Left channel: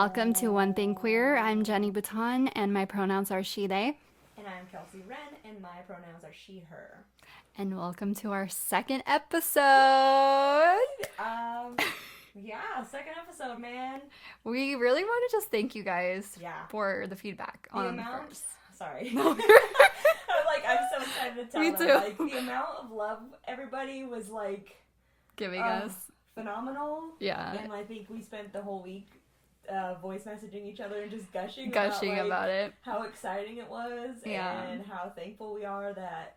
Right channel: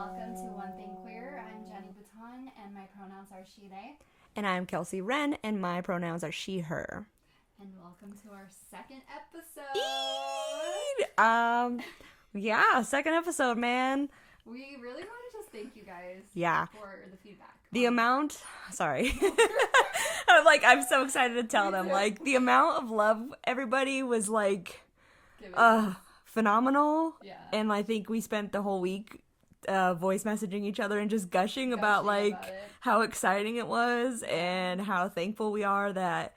Welcome to One Thing Queer. I'm Jenny Baton, and my pronouns are she, they. And I'm Kelsey Wren, and my pronouns are she, her. And welcome to our second episode. Yeah, second episode, man. We really want to just thank you guys for the feedback. The amount, sorry. I'm so excited to tell them. Too. Like, the amount of love everybody was, like, giving us. Phenomenal. Yeah. And I think we spent the whole week voice messaging each other and just gushing about it. How exciting it was and how thankful we are that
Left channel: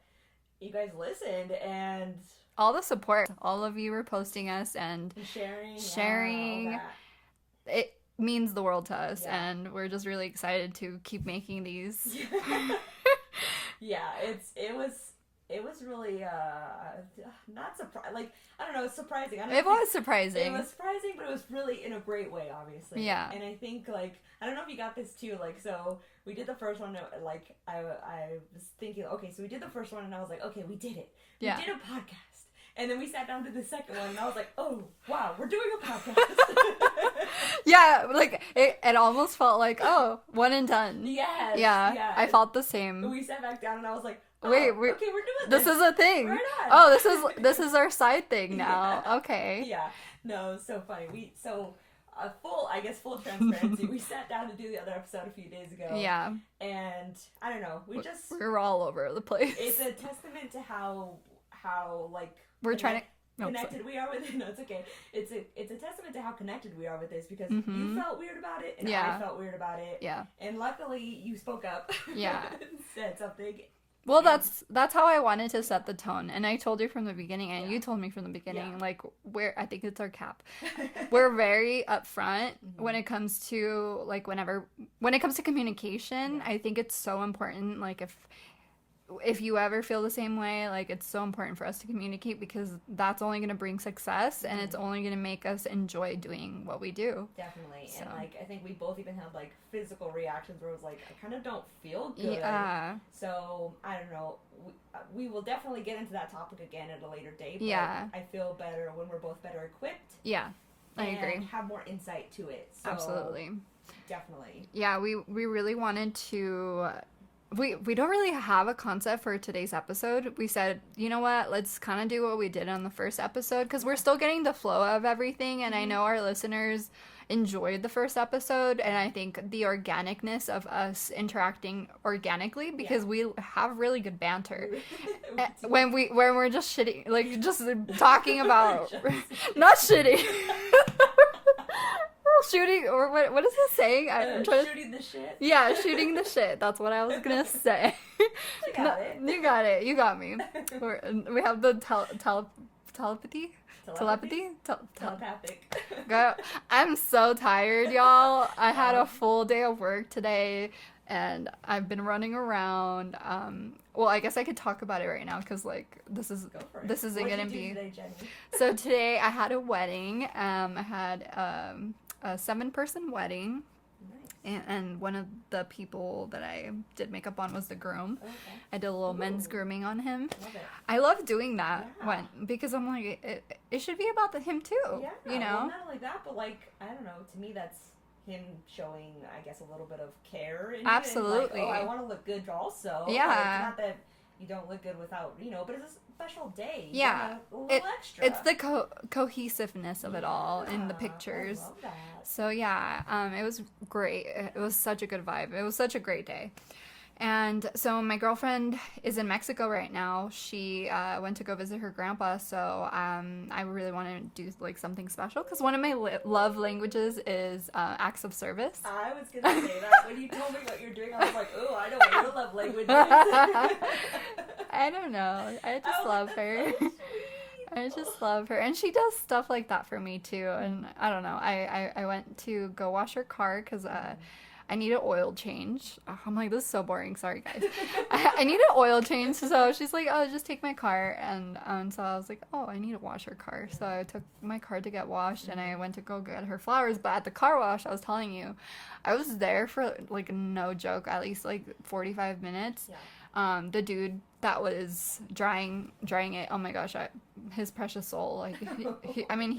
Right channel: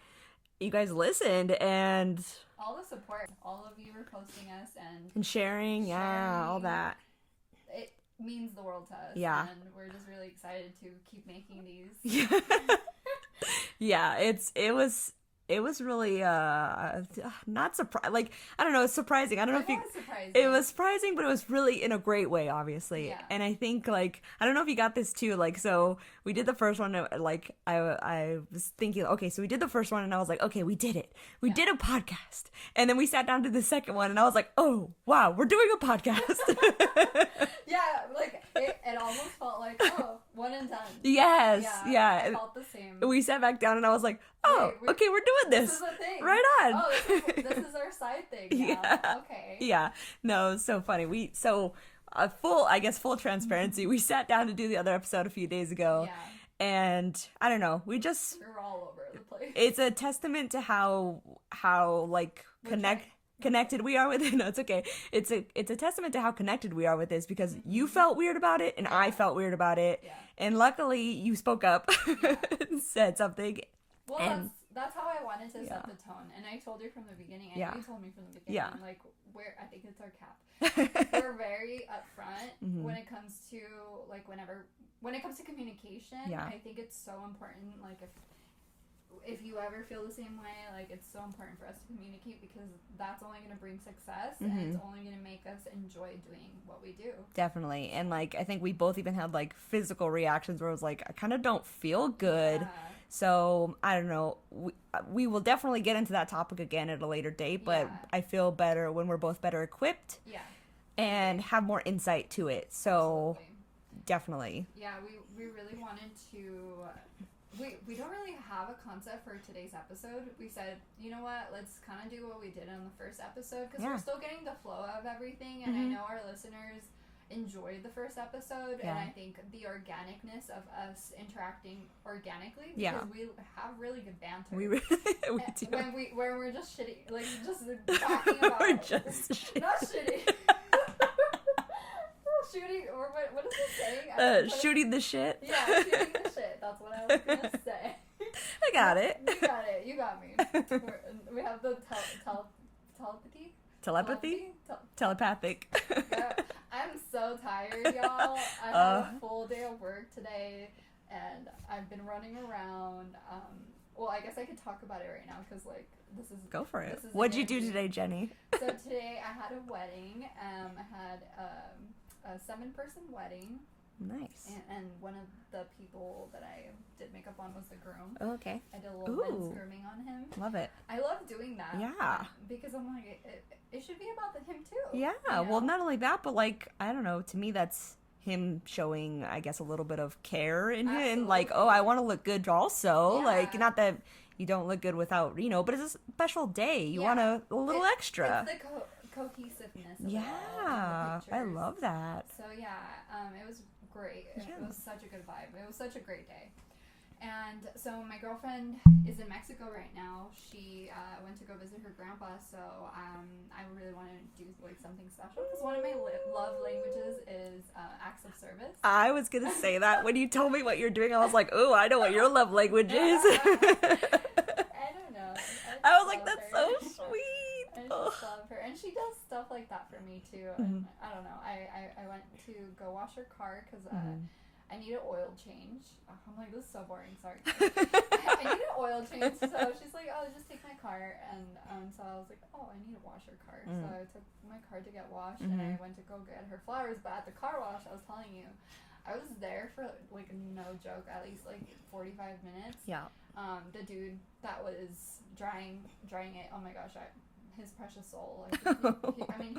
you guys listened and all the support. All of you were posting us and sharing all that. It means the world to us, and we're just really excited to keep making these. Yeah, it was really not surprising. Like, I don't know, it's surprising. I don't know. It was surprising. It was surprising, but it was really in a great way, obviously. Yeah. And I think, like, I don't know if you got this too. Like, so we did the first one. Like, I was thinking, okay, so we did the first one, and I was like, okay, we did it. We did a podcast. And then we sat down to the second one, and I was like, oh, wow, we're doing a podcast. Yeah, like, it almost felt like, oh, one and done. Yes. Yeah. I felt the same. We sat back down, and I was like, oh, okay, we're doing this. This is a thing. Right on. Oh, this is our side thing now. Yeah. Okay. Yeah. No, it's so funny. Full transparency. We sat down to do the other episode a few days ago. Yeah. And I don't know, we were all over the place. It's a testament to how like we're connected we are with it. No, it's okay. It's a testament to how connected we are with this because you felt weird about it and I felt weird about it. Yeah. And luckily you spoke up. Yeah. And said something. Well, that's how I wanted to set the tone, and I told you from the beginning, and you told me from the beginning, like, I think it's our cap. We're very upfront when it comes to, like, when it comes to communication. I think it's so important, like, if you ever feel the same way, like, it's so important for us to communicate because that's only going to bring success and it's only going to make us enjoy doing what we do. Definitely. So. And, like, I think we both even had, like, physical reactions where I was like, I kind of don't feel good. Yeah. So, I don't know. We will definitely get into that topic again at a later date, but I feel better when we're both better equipped. Yeah. And have more insight to it. So, absolutely. Definitely. Yeah, we really wanted to... We don't really have a concept for today's episode. We said, you know what, let's kind of do what we did on the first episode because we're still getting the flow of everything, and I know our listeners enjoyed the first episode, and I think the organicness of us interacting organically because we have really good banter. When we're just shitting, like just talking about not shitting. Shooting, or what is it saying? Shooting the shit. Yeah, shooting the shit. That's what I was gonna say. I got it. You got it. You got me. We have the telepathy. Telepathic. I'm so tired, y'all. I had a full day of work today, and I've been running around. Well, I guess I could talk about it right now because, like, this is... Go for it. This is. What did you do today, Jenny? So today I had a wedding. I had a 7-person wedding. Nice. And one of the people that I did makeup on was the groom. Oh, okay. I did a little men's grooming on him. Love it. I love doing that because I'm like, it should be about him too. Yeah. You know? Well, not only that, but, like, I don't know, to me that's him showing, I guess, a little bit of care in it. And, like, oh, I want to look good also. Yeah. Like, not that you don't look good without, but it's a special day. You want a little extra. It's the cohesiveness of it all in the pictures. I love that. So, it was great. It was such a good vibe. It was such a great day. And so my girlfriend is in Mexico right now. She went to go visit her grandpa, so I really want to do, like, something special because one of my love languages is acts of service. I was going to say that. When you told me what you're doing, I was like, oh, I know what your love language is. I don't know. I just love her. So sweet. I just love her. And she does stuff like that for me, too. And I don't know. I went to go wash her car because... I need an oil change. Oh, I'm like, this is so boring. Sorry, guys. I need an oil change. So she's like, oh, just take my car. And so I was like, oh, I need to wash her car. So I took my car to get washed and I went to go get her flowers. But at the car wash, I was telling you, I was there for, like, no joke, at least like 45 minutes. Yeah. The dude that was drying it, oh my gosh, his precious soul. Like,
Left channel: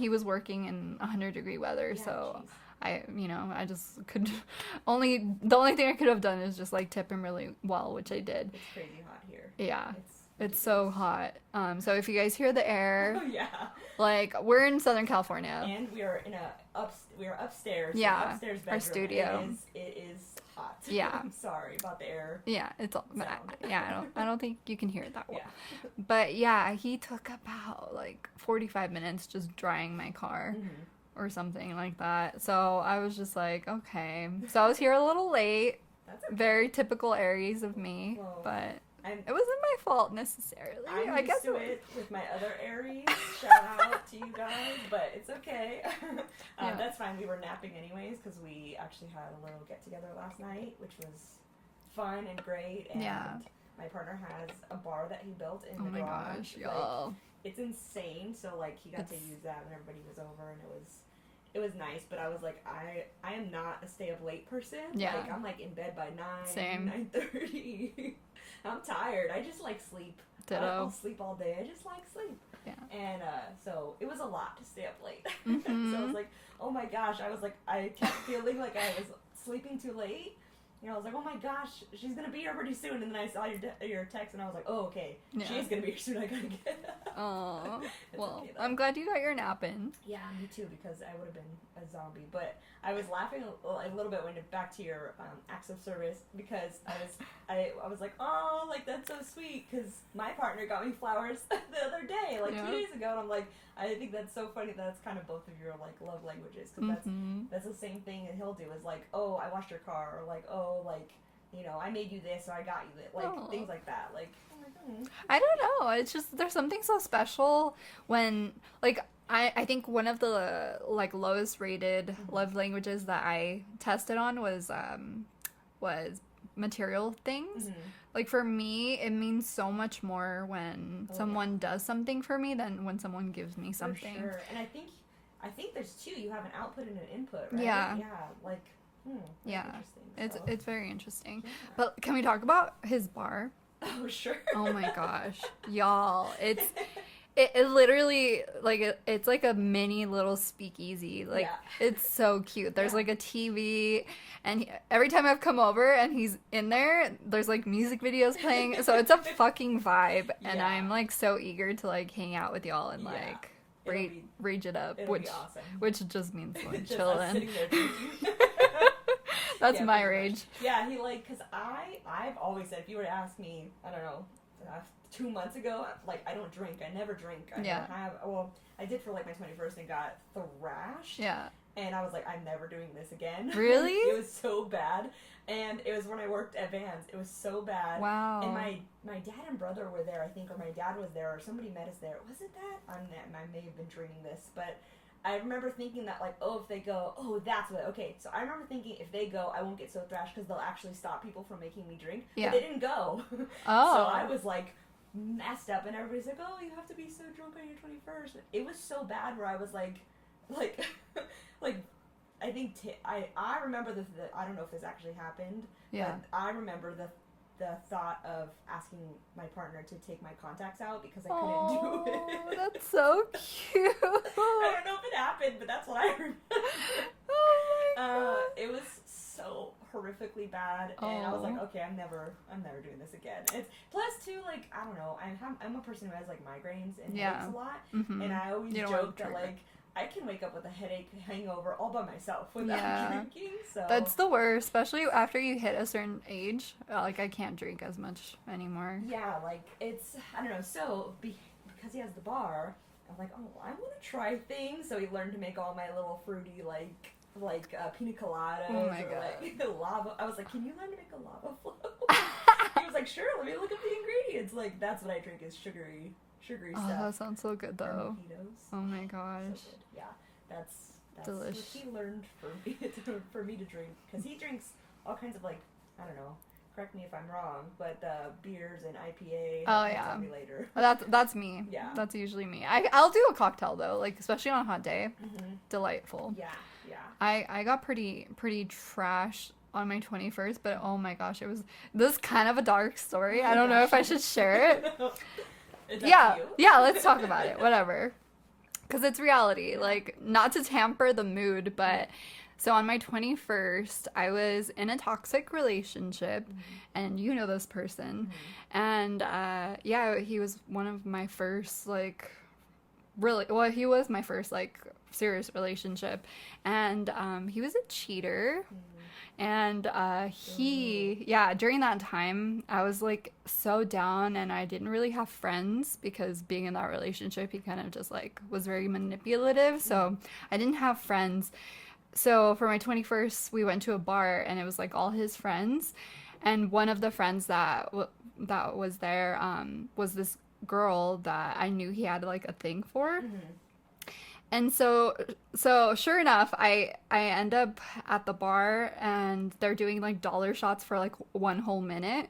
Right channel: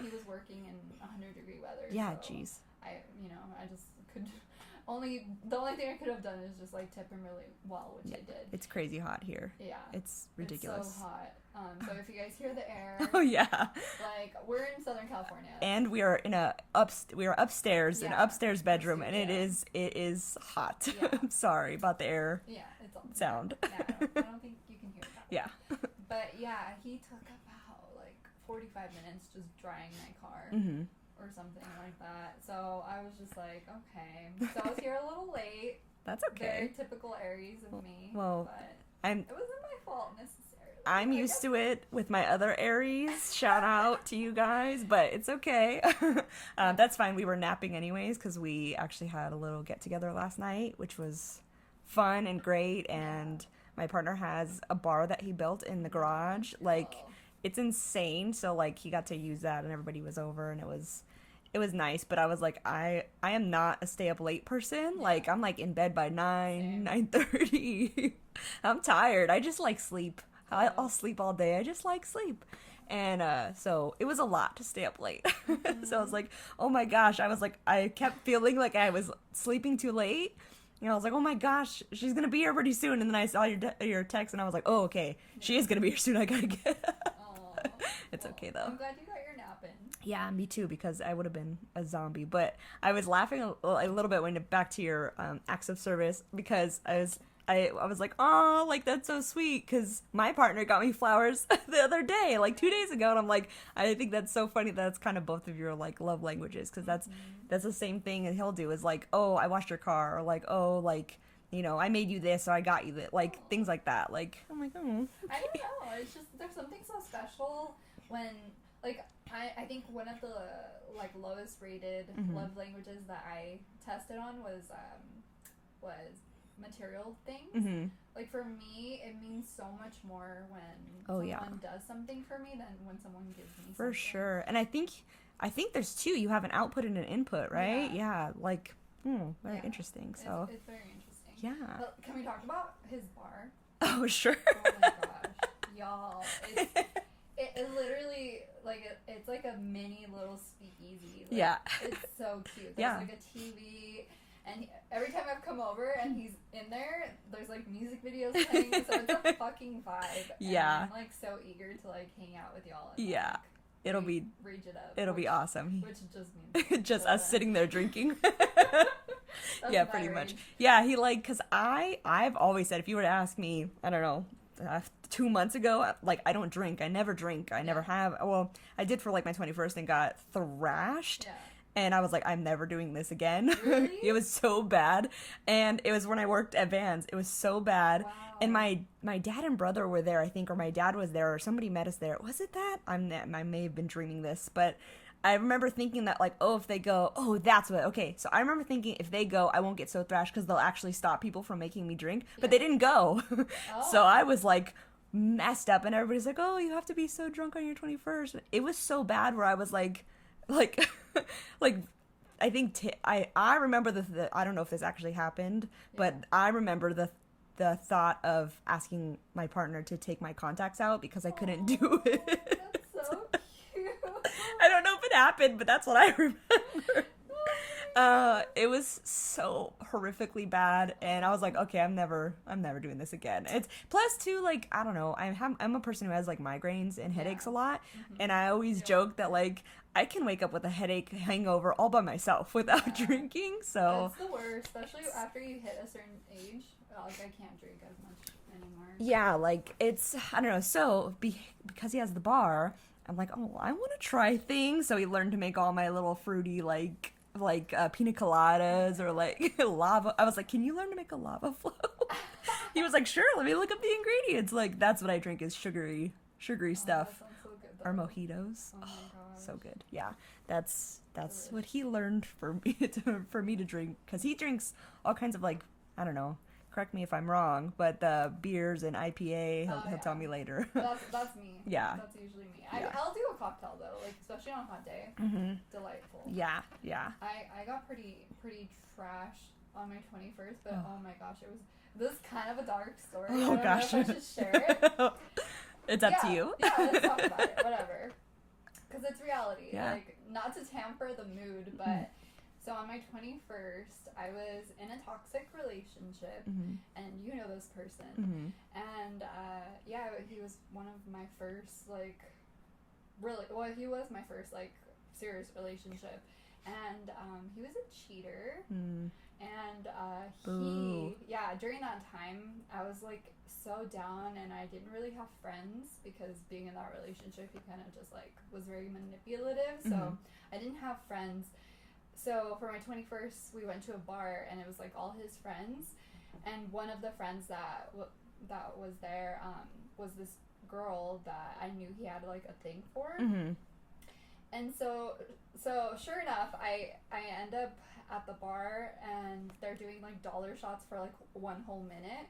he was working in 100-degree weather. Yeah, so. Geez. I just could the only thing I could have done is just like tip him really well, which I did. It's crazy hot here. Yeah. It's ridiculous. It's so hot. So if you guys hear the air, oh yeah, like we're in Southern California, and we are upstairs in an upstairs bedroom, and it is hot. Yeah. I'm sorry about the air. Yeah, it's all sound. Yeah, I don't think you can hear it that well. Yeah. But yeah, he took about like 45 minutes just drying my car. Mm-hmm. Or something like that. So I was just like, okay. So I was here a little late. That's okay. Very typical Aries of me. Well, but it wasn't my fault necessarily. I'm used to it with my other Aries. Shout out to you guys, but it's okay. That's fine. We were napping anyways because we actually had a little get together last night, which was fun and great. And my partner has a bar that he built in the garage. It's insane. So like he got to use that and everybody was over and it was nice, but I was like, I am not a stay up late person. Yeah. Like I'm like in bed by 9:30. I'm tired. I just like sleep. I'll sleep all day. I just like sleep. Yeah. And so it was a lot to stay up late. Mm-hmm. So I was like, oh my gosh. I kept feeling like I was sleeping too late. You know, I was like, oh my gosh, she's going to be here pretty soon. And then I saw your text, and I was like, oh, okay. Yeah. She is going to be here soon. I got to get Oh, it's okay, though. I'm glad you got your nap in. Yeah, me too, because I would have been a zombie. But I was laughing a little bit when back to your acts of service, because I was like, oh, like, that's so sweet, because my partner got me flowers the other day, like 2 days ago. And I'm like, I think that's so funny that it's kind of both of your, like, love languages, because that's the same thing that he'll do, is like, oh, I washed your car, or like, oh, like, you know, I made you this, so I got you that, like, things like that. Like, oh my god. I don't know. It's just, there's something so special when, like, I think one of the, like, lowest rated love languages that I tested on was material things. Mm-hmm. Like, for me, it means so much more when someone does something for me than when someone gives me something. For sure. And I think there's two. You have an output and an input, right? Yeah, like... very interesting. So. It's very interesting. Yeah. But can we talk about his bar? Oh, sure. Oh my gosh. Y'all, it literally, like, it's like a mini little speakeasy. Like, it's so cute. There's like a TV, and every time I've come over and he's in there, there's like music videos playing. So it's a fucking vibe. And I'm like so eager to like hang out with y'all and like rage it up. It'll be awesome. Which just means just us sitting there drinking. That's my rage. Much. Yeah, he like, because I've always said, if you were to ask me, I don't know, 2 months ago, like, I don't drink. I never drink. I never have. Well, I did for like my 21st and got thrashed. Yeah. And I was like, I'm never doing this again. Really? It was so bad. And it was when I worked at Vans. It was so bad. Wow. And my dad and brother were there, I think, or my dad was there, or somebody met us there. Was it that? I may have been dreaming this, but I remember thinking that, like, oh, if they go, oh, that's what, okay. So I remember thinking, if they go, I won't get so thrashed because they'll actually stop people from making me drink. Yeah. But they didn't go. Oh. So I was, like, messed up, and everybody's like, oh, you have to be so drunk on your 21st. It was so bad where I was like, I think, I remember I don't know if this actually happened, but I remember the thought of asking my partner to take my contacts out because I couldn't do it. That's so cute. I don't know if it happened, but that's what I remember. It was so horrifically bad, and I was like, okay, I'm never doing this again. It's plus too, like, I don't know, I'm a person who has like migraines and headaches a lot, and I always joke that like I can wake up with a headache, hangover all by myself without drinking. So that's the worst, especially after you hit a certain age. Like, I can't drink as much anymore. Yeah, like, it's, I don't know. So because he has the bar, I'm like, oh, I want to try things. So he learned to make all my little fruity, like pina coladas or like lava. I was like, can you learn to make a lava flow? He was like, sure, let me look up the ingredients. Like, that's what I drink, is sugary stuff. That sounds so good, though. Or mojitos. Oh my gosh. So good. Yeah, that's Delish. what he learned for me to drink, because he drinks all kinds of, like, I don't know, correct me if I'm wrong, but the beers and IPA, he'll tell me later. That's me. Yeah. That's usually me. I'll do a cocktail, though, like, especially on a hot day. Delightful. Yeah. I got pretty trash on my 21st, but oh my gosh, this is kind of a dark story. I don't know if I should share it. It's up to you. Yeah, let's talk about it. Whatever. Because it's reality. Yeah. Like, not to tamper the mood, but So on my 21st, I was in a toxic relationship, and you know this person. And yeah, he was one of my first, like, he was my first, like, serious relationship. And he was a cheater. And during that time, I was, like, so down, and I didn't really have friends because being in that relationship, he kind of just, like, was very manipulative. So I didn't have friends. So for my 21st, we went to a bar, and it was, like, all his friends. And one of the friends that was there was this girl that I knew he had, like, a thing for. And so sure enough, I end up at the bar, and they're doing, like, dollar shots for, like, 1 whole minute.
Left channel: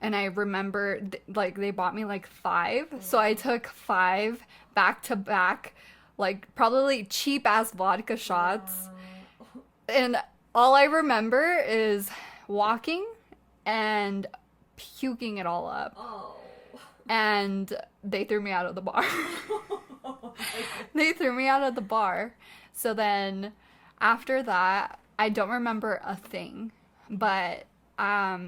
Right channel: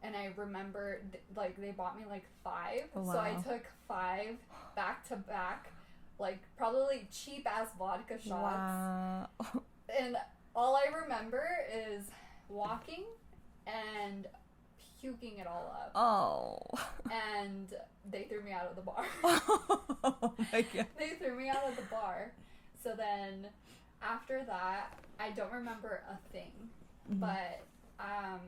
And I remember, like, they bought me, like, 5. Oh, wow. So I took 5 back to back, like, probably cheap ass vodka shots. Wow. And all I remember is walking and puking it all up. Oh. And they threw me out of the bar. Oh my God. They threw me out of the bar. So then after that, I don't remember a thing. But I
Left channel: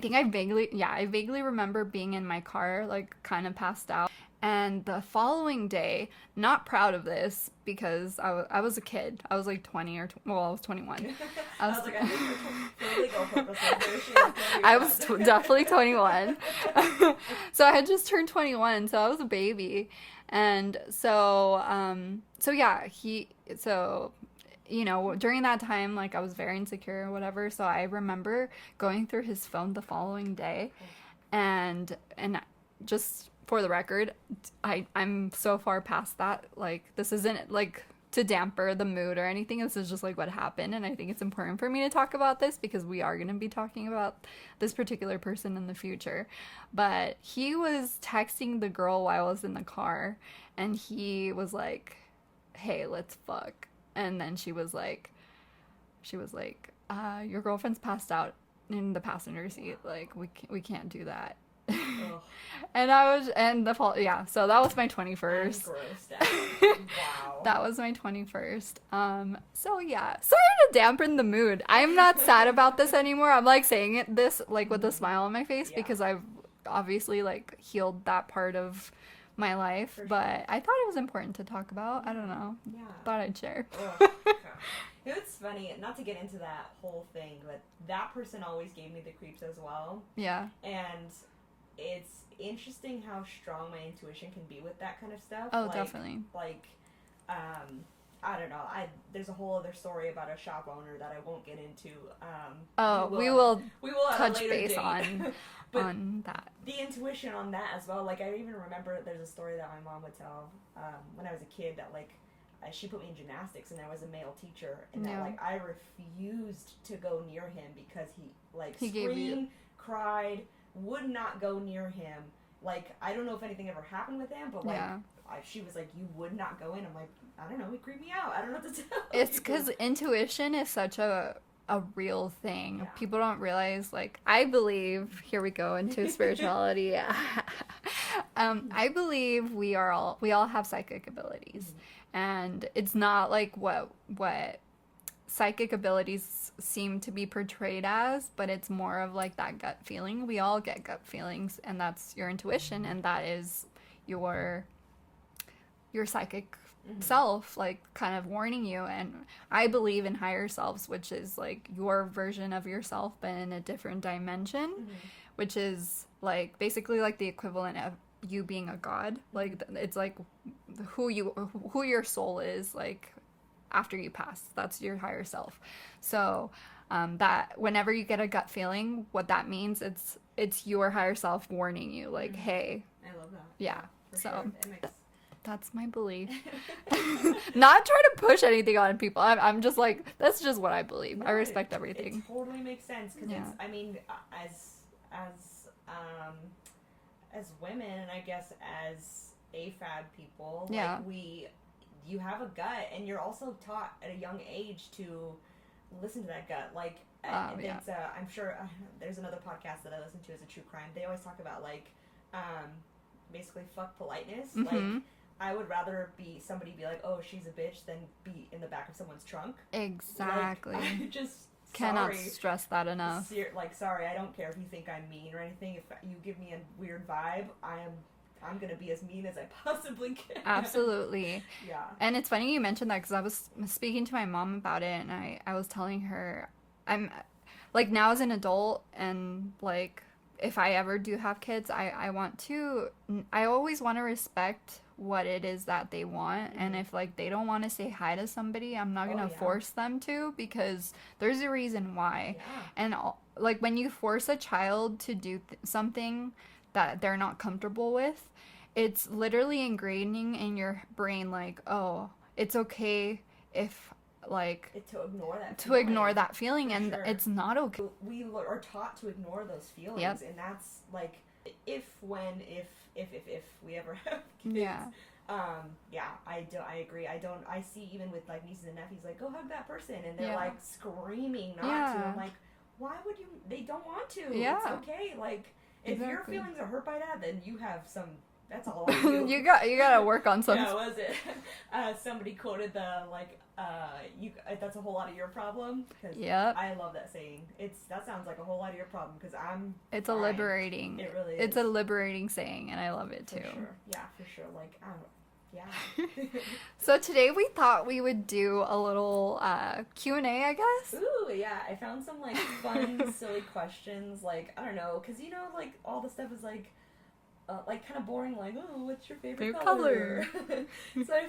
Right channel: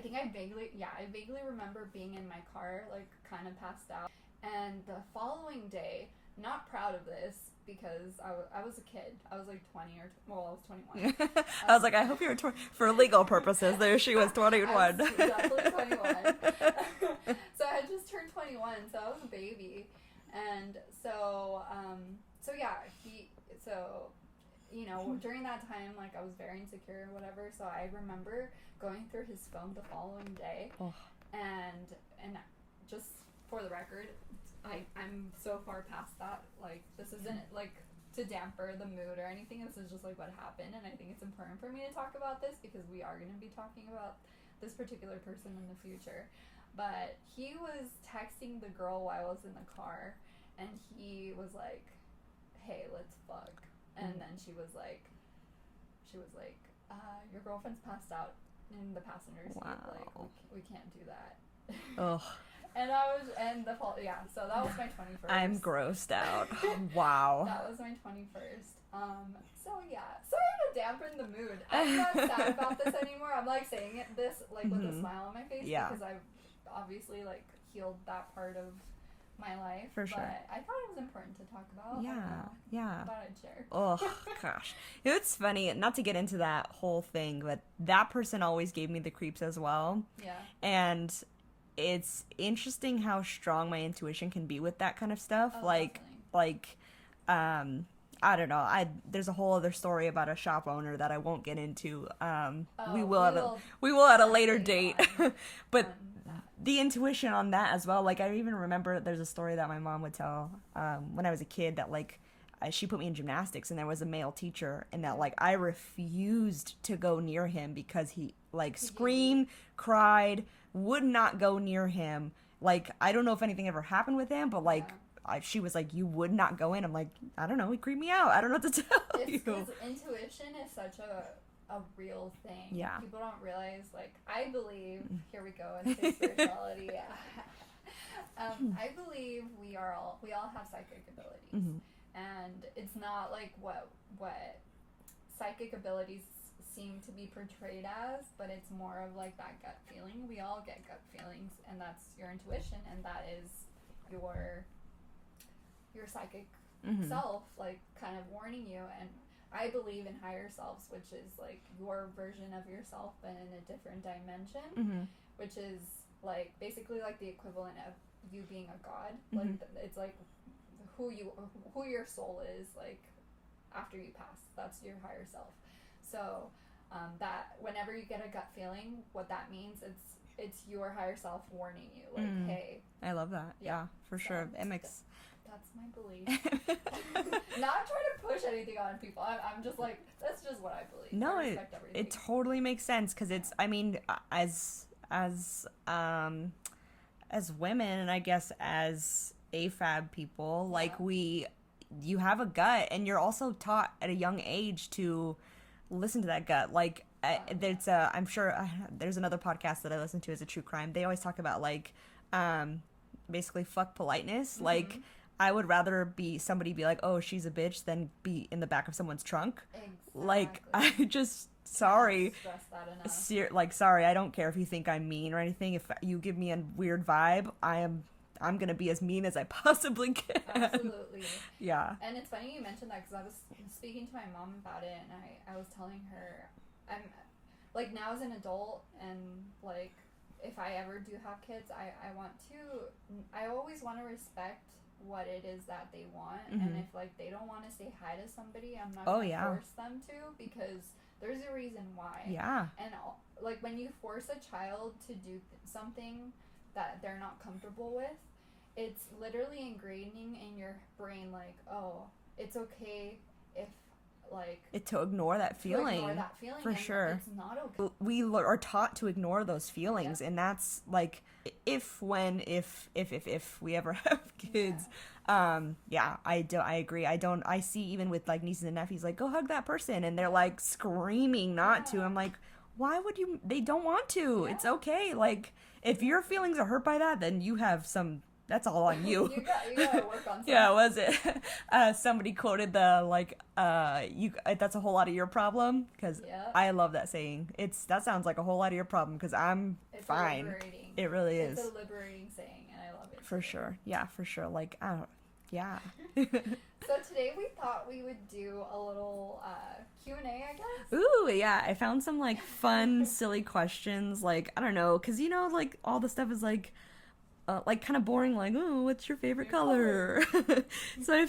think I vaguely remember being in my car, like, kind of passed out. And the following day, not proud of this because I was a kid. I was like 20 I was 21. I was like, I think you were 20. For legal purposes, there she was 21. I was definitely 21. So I had just turned 21, so I was a baby. And so, you know, during that time, like, I was very insecure or whatever. So I remember going through his phone the following day. And just for the record, I'm so far past that. Like, this isn't, like, to damper the mood or anything. This is just, like, what happened. And I think it's important for me to talk about this because we are going to be talking about this particular person in the future. But he was texting the girl while I was in the car, and he was like, hey, let's fuck. And then she was like, your girlfriend's passed out in the passenger seat. Wow. Like, we can't do that. Ugh. So that was my 21st. I'm grossed out. Wow. That was my 21st. So yeah, sorry to dampen the mood. I'm not sad about this anymore. I'm, like, saying this, like, with a smile on my face because I've obviously, like, healed that part of my life. For sure. But I thought it was important to talk about. I don't know. Yeah. Thought I'd share. Oh, gosh. It's funny, not to get into that whole thing, but that person always gave me the creeps as well. Yeah. And it's interesting how strong my intuition can be with that kind of stuff. Oh, definitely. Like, I don't know. There's a whole other story about a shop owner that I won't get into. We will at a later date. But on that. The intuition on that as well. Like, I even remember there's a story that my mom would tell when I was a kid that, like, she put me in gymnastics, and there was a male teacher, and that, like, I refused to go near him because he screamed, cried, would not go near him. Like, I don't know if anything ever happened with him, but, like, she was like, you would not go in. I'm like, I don't know, he creeped me out. I don't know what to tell you. It's because intuition is such a real thing. Yeah. People don't realize, like, I believe, here we go into spirituality. I believe we all have psychic abilities. And it's not like what psychic abilities seem to be portrayed as, but it's more of, like, that gut feeling. We all get gut feelings, and that's your intuition, and that is your psychic self, like, kind of warning you. And I believe in higher selves, which is, like, your version of yourself but in a different dimension, which is, like, basically, like, the equivalent of you being a god. Like, it's like who your soul is, like, after you pass. That's your higher self. So that whenever you get a gut feeling, what that means, it's your higher self warning you, like, hey. I love that. Yeah, for sure. It makes... That's my belief. Not trying to push anything on people. I'm just like, that's just what I believe. No, I respect everything. It totally makes sense because it's, I mean, as women, and I guess as AFAB people, like, you have a gut, and you're also taught at a young age to listen to that gut. Like, I'm sure there's another podcast that I listen to as a true crime. They always talk about, like, basically fuck politeness. Like, I would rather somebody be like, oh, she's a bitch, than be in the back of someone's trunk. Exactly. Like, I just, cannot stress that enough. Sorry, I don't care if you think I'm mean or anything. If you give me a weird vibe, I'm gonna be as mean as I possibly can. Absolutely. Yeah. And it's funny you mentioned that, because I was speaking to my mom about it, and I was telling her, I'm, like, now as an adult, and, like, if I ever do have kids, I always want to respect what it is that they want. And if, like, they don't want to say hi to somebody, I'm not gonna force them to, because there's a reason why. Yeah. And, like, when you force a child to do something that they're not comfortable with, it's literally ingraining in your brain, like, oh, it's okay if, like, to ignore that feeling. And sure. It's not okay. We are taught to ignore those feelings. Yep. And that's, like, if we ever have kids. Yeah. I agree. I see, even with, like, nieces and nephews, like, go hug that person, and they're like screaming not to. I'm like, why would you? They don't want to. Yeah. It's okay. Like, if your feelings are hurt by that, then you have that's all on you. you gotta work on something. Yeah, was it? Somebody quoted the, like, that's a whole lot of your problem, because I love that saying. That sounds like a whole lot of your problem, because it's fine. Liberating. It really is. It's a liberating saying, and I love it too. For sure. Yeah, for sure. Like, I don't. Yeah. So today we thought we would do a little Q&A, I guess. Ooh, yeah. I found some, like, fun, silly questions. Like, I don't know, because, you know, like, all the stuff is, like kind of boring. Like, oh, what's your favorite color? So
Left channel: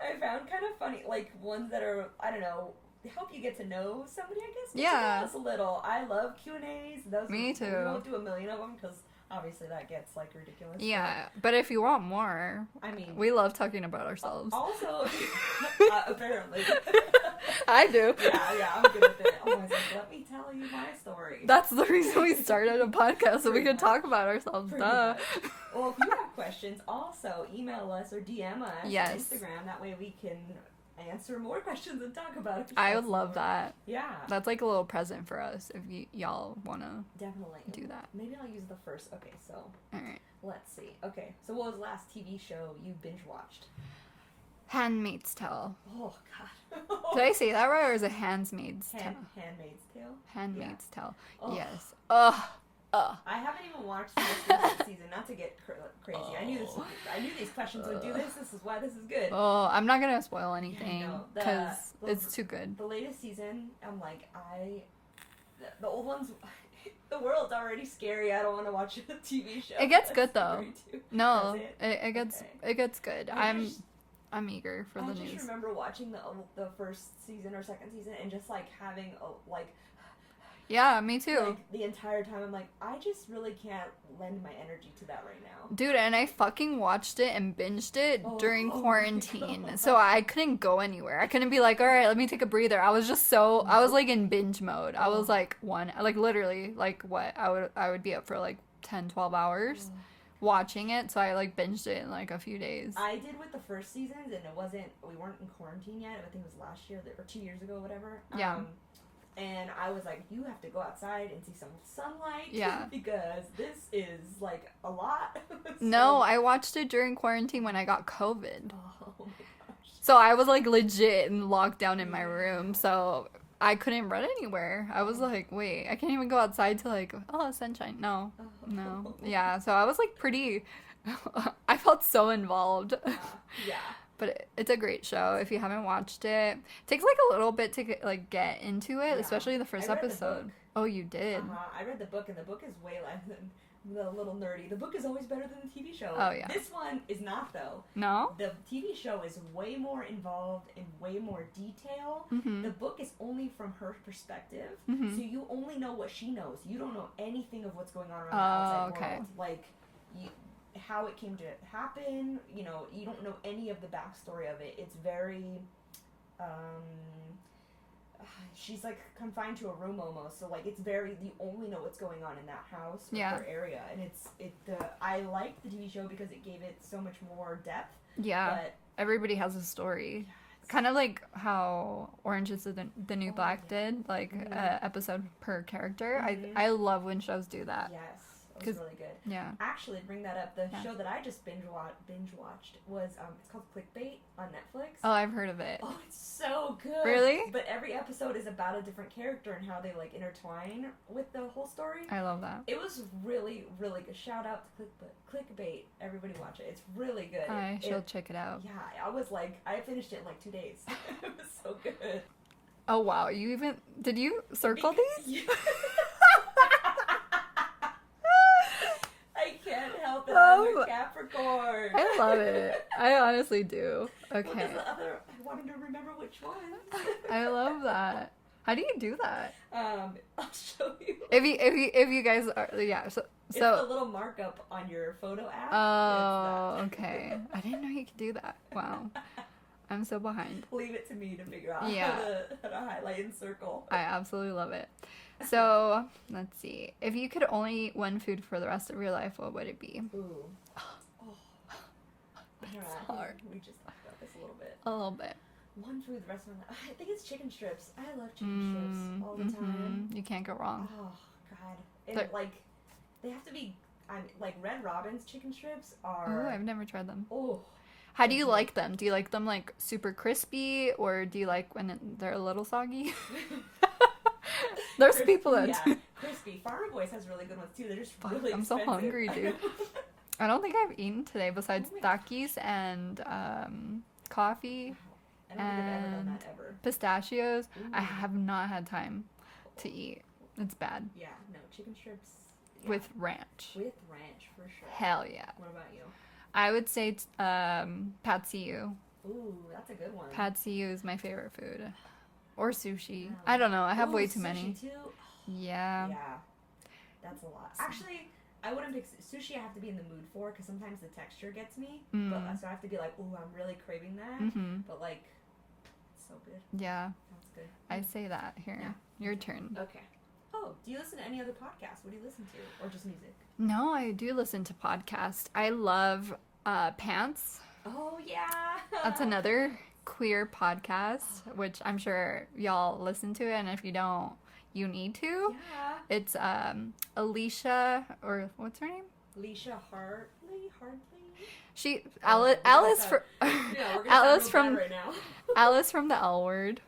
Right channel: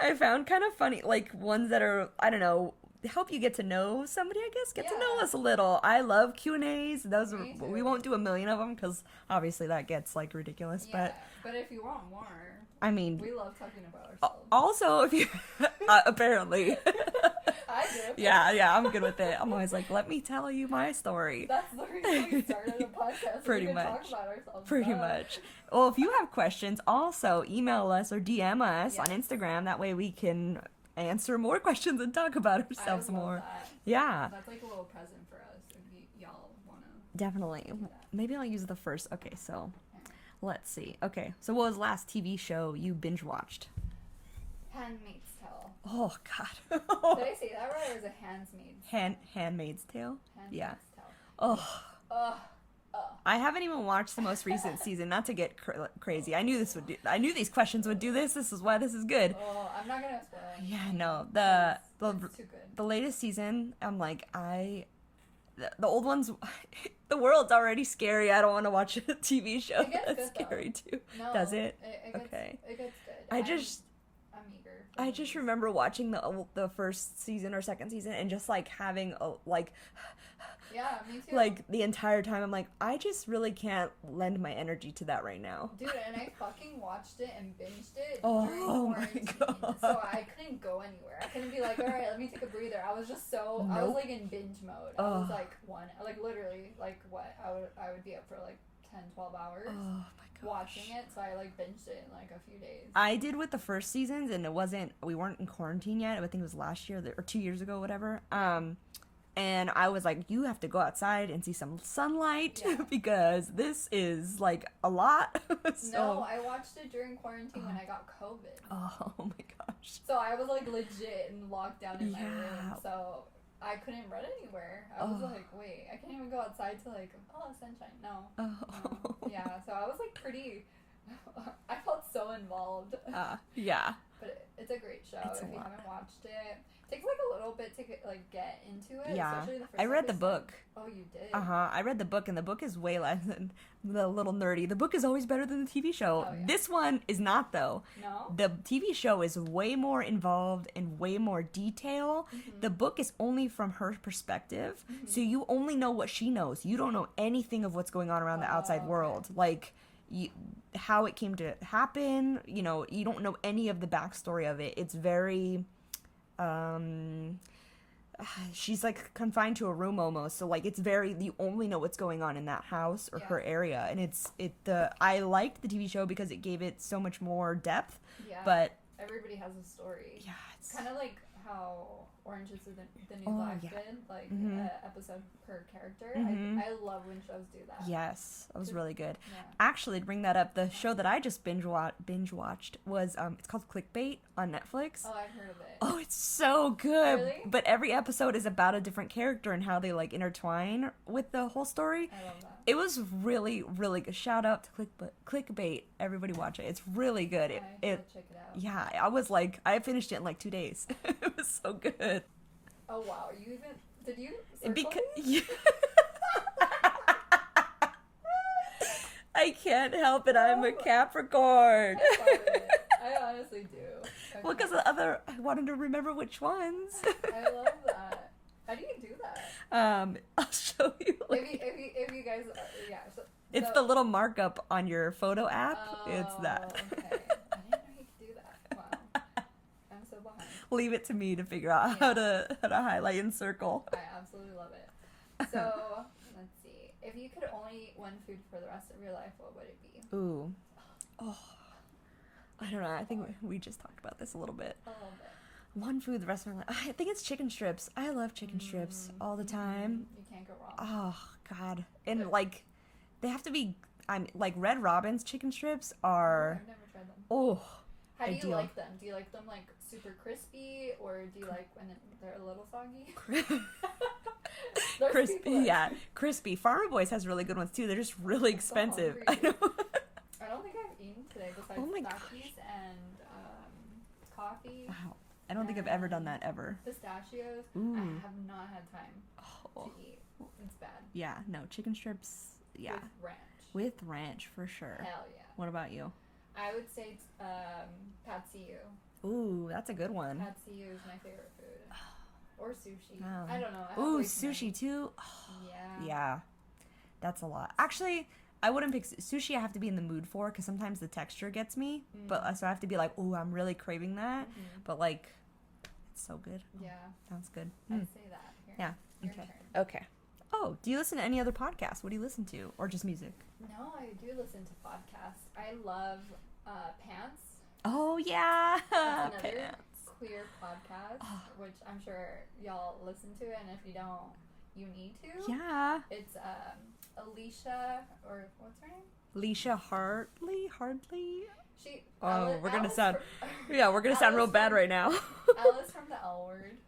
I found kind of funny, like, ones that are, I don't know, help you get to know somebody, I guess. Get to know us a little. I love Q&As. Me too. We won't do a million of them, because obviously that gets, like, ridiculous. Yeah, but if you want more, I mean, we love talking about ourselves. Also, if you, apparently. I do. Yeah, I'm good with it. I'm always like, let me tell you my story. That's the reason we started a podcast, so we can talk about ourselves. Pretty much. Well, if you have questions, also email us or DM us on Instagram. That way we can answer more questions and talk about ourselves. I would love that. Yeah. That's like a little present for us if y'all want to definitely do that. Maybe I'll use the first. Okay, so all right. Let's see. Okay, so what was the last TV show you binge watched? Handmaid's Tale. Oh, God. Did I say that right, or is it Handmaid's Tale? Handmaid's Tale? Handmaid's Tale. Oh. Yes. I haven't even watched the most recent season. Not to get crazy. I knew these questions would do this. This is why this is good. Oh, I'm not gonna spoil anything. No, it's too good. The latest season, I'm like, the old ones, the world's already scary. I don't want to watch a TV show. It gets good though. Too. No, does it? It gets good. I'm eager for. I just remember watching the first season or second season and just, like, having a, like. Yeah, me too. Like, the entire time, I'm like, I just really can't lend my energy to that right now. Dude, and I fucking watched it and binged it during quarantine. So I couldn't go anywhere. I couldn't be like, all right, let me take a breather. I was just I was, like, in binge mode. I was, like, literally, like, what? I would be up for, like, 10, 12 hours watching it. So I, like, binged it in, like, a few days. I did with the first seasons, and we weren't in quarantine yet. I think it was last year or 2 years ago, whatever. Yeah. And I was like, you have to go outside and see some sunlight because this is, like, a lot. So, no, I watched it during quarantine when I got COVID. Oh my gosh. So I was, like, legit in lockdown in my room. So I couldn't run anywhere. I was like, wait, I can't even go outside to, like, sunshine. No. No. Yeah, so I was, like, pretty... I felt so involved. Yeah. But it's a great show. If you haven't watched it, it takes, like, a little bit to get into it, especially the first episode. I read the book. Oh, you did? I read the book, and the book is way less than the little nerdy. The book is always better than the TV show. Oh, yeah. This one is not, though. No? The TV show is way more involved and way more detail. Mm-hmm. The book is only from her perspective, so you only know what she knows. You don't know anything of what's going on around the outside world. Like, how it came to happen, you know, you don't know any of the backstory of it. It's very, she's, like, confined to a room almost, so, like, it's very, you only know what's going on in that house or her area, and I liked the TV show because it gave it so much more depth. Yeah, but everybody has a story. Yeah, Kind of like how Orange is the New Black did, like episode per character. I love when shows do that. Yes, that was really good. Yeah. Actually, to bring that up, the show that I just binge watched was it's called Clickbait on Netflix. Oh, I've heard of it. Oh, it's so good. Really? But every episode is about a different character and how they like intertwine with the whole story. I love that. It was really, really good. Shout out to Clickbait. Everybody watch it. It's really good. I should check it out. Yeah, I finished it in like 2 days. It was so good. Oh wow, did you circle these? I can't help it. I'm a Capricorn. I love it. I honestly do. Okay. Well, because I wanted to remember which ones. I love that. How do you do that? I'll show you. If you guys are so it's the little markup on your photo app. Oh, it's that. Okay. I didn't know you could do that. Wow. I'm so behind. Leave it to me to figure out how to highlight and circle. I absolutely love it. So, let's see. If you could only eat one food for the rest of your life, what would it be? Ooh. Oh. I don't know. I think we just talked about this a little bit. A little bit. One food the rest of my life. I think it's chicken strips. I love chicken strips all the time. You can't go wrong. Oh, God. And, they have to be... like, Red Robin's chicken strips are... Oh, I've never tried them. Oh. How do you like them? Do you like them, like, super crispy, or do you like when they're a little soggy? There's crispy, people that... Yeah, crispy. Farmer Boys has really good ones, too. They're just really expensive. I'm so hungry, dude. I don't think I've eaten today besides Takis and coffee. Wow. I don't think I've ever done that ever. Pistachios. Ooh. I have not had time to eat. It's bad. Yeah, no, chicken strips. Yeah. With ranch. With ranch, for sure. Hell yeah. What about you? I would say pad see ew. Ooh, that's a good one. Pad see ew is my favorite food. Or sushi. I don't know. I have way too many. Sushi too? Yeah. Yeah. That's a lot. Actually, I wouldn't pick sushi. I have to be in the mood for, because sometimes the texture gets me. But so I have to be like, ooh, I'm really craving that. But like, it's so good. Yeah. Sounds good. I'd say that. Here. Yeah. Your turn. Okay. Oh, do you listen to any other podcasts? What do you listen to? Or just music? No, I do listen to podcasts. I love Pants. Oh, yeah. That's another queer podcast, which I'm sure y'all listen to it, and if you don't, you need to. Yeah. It's Alicia, or what's her name? Alicia Hardley? She Alice yeah, we're gonna sound real bad right now. Alice from the L Word.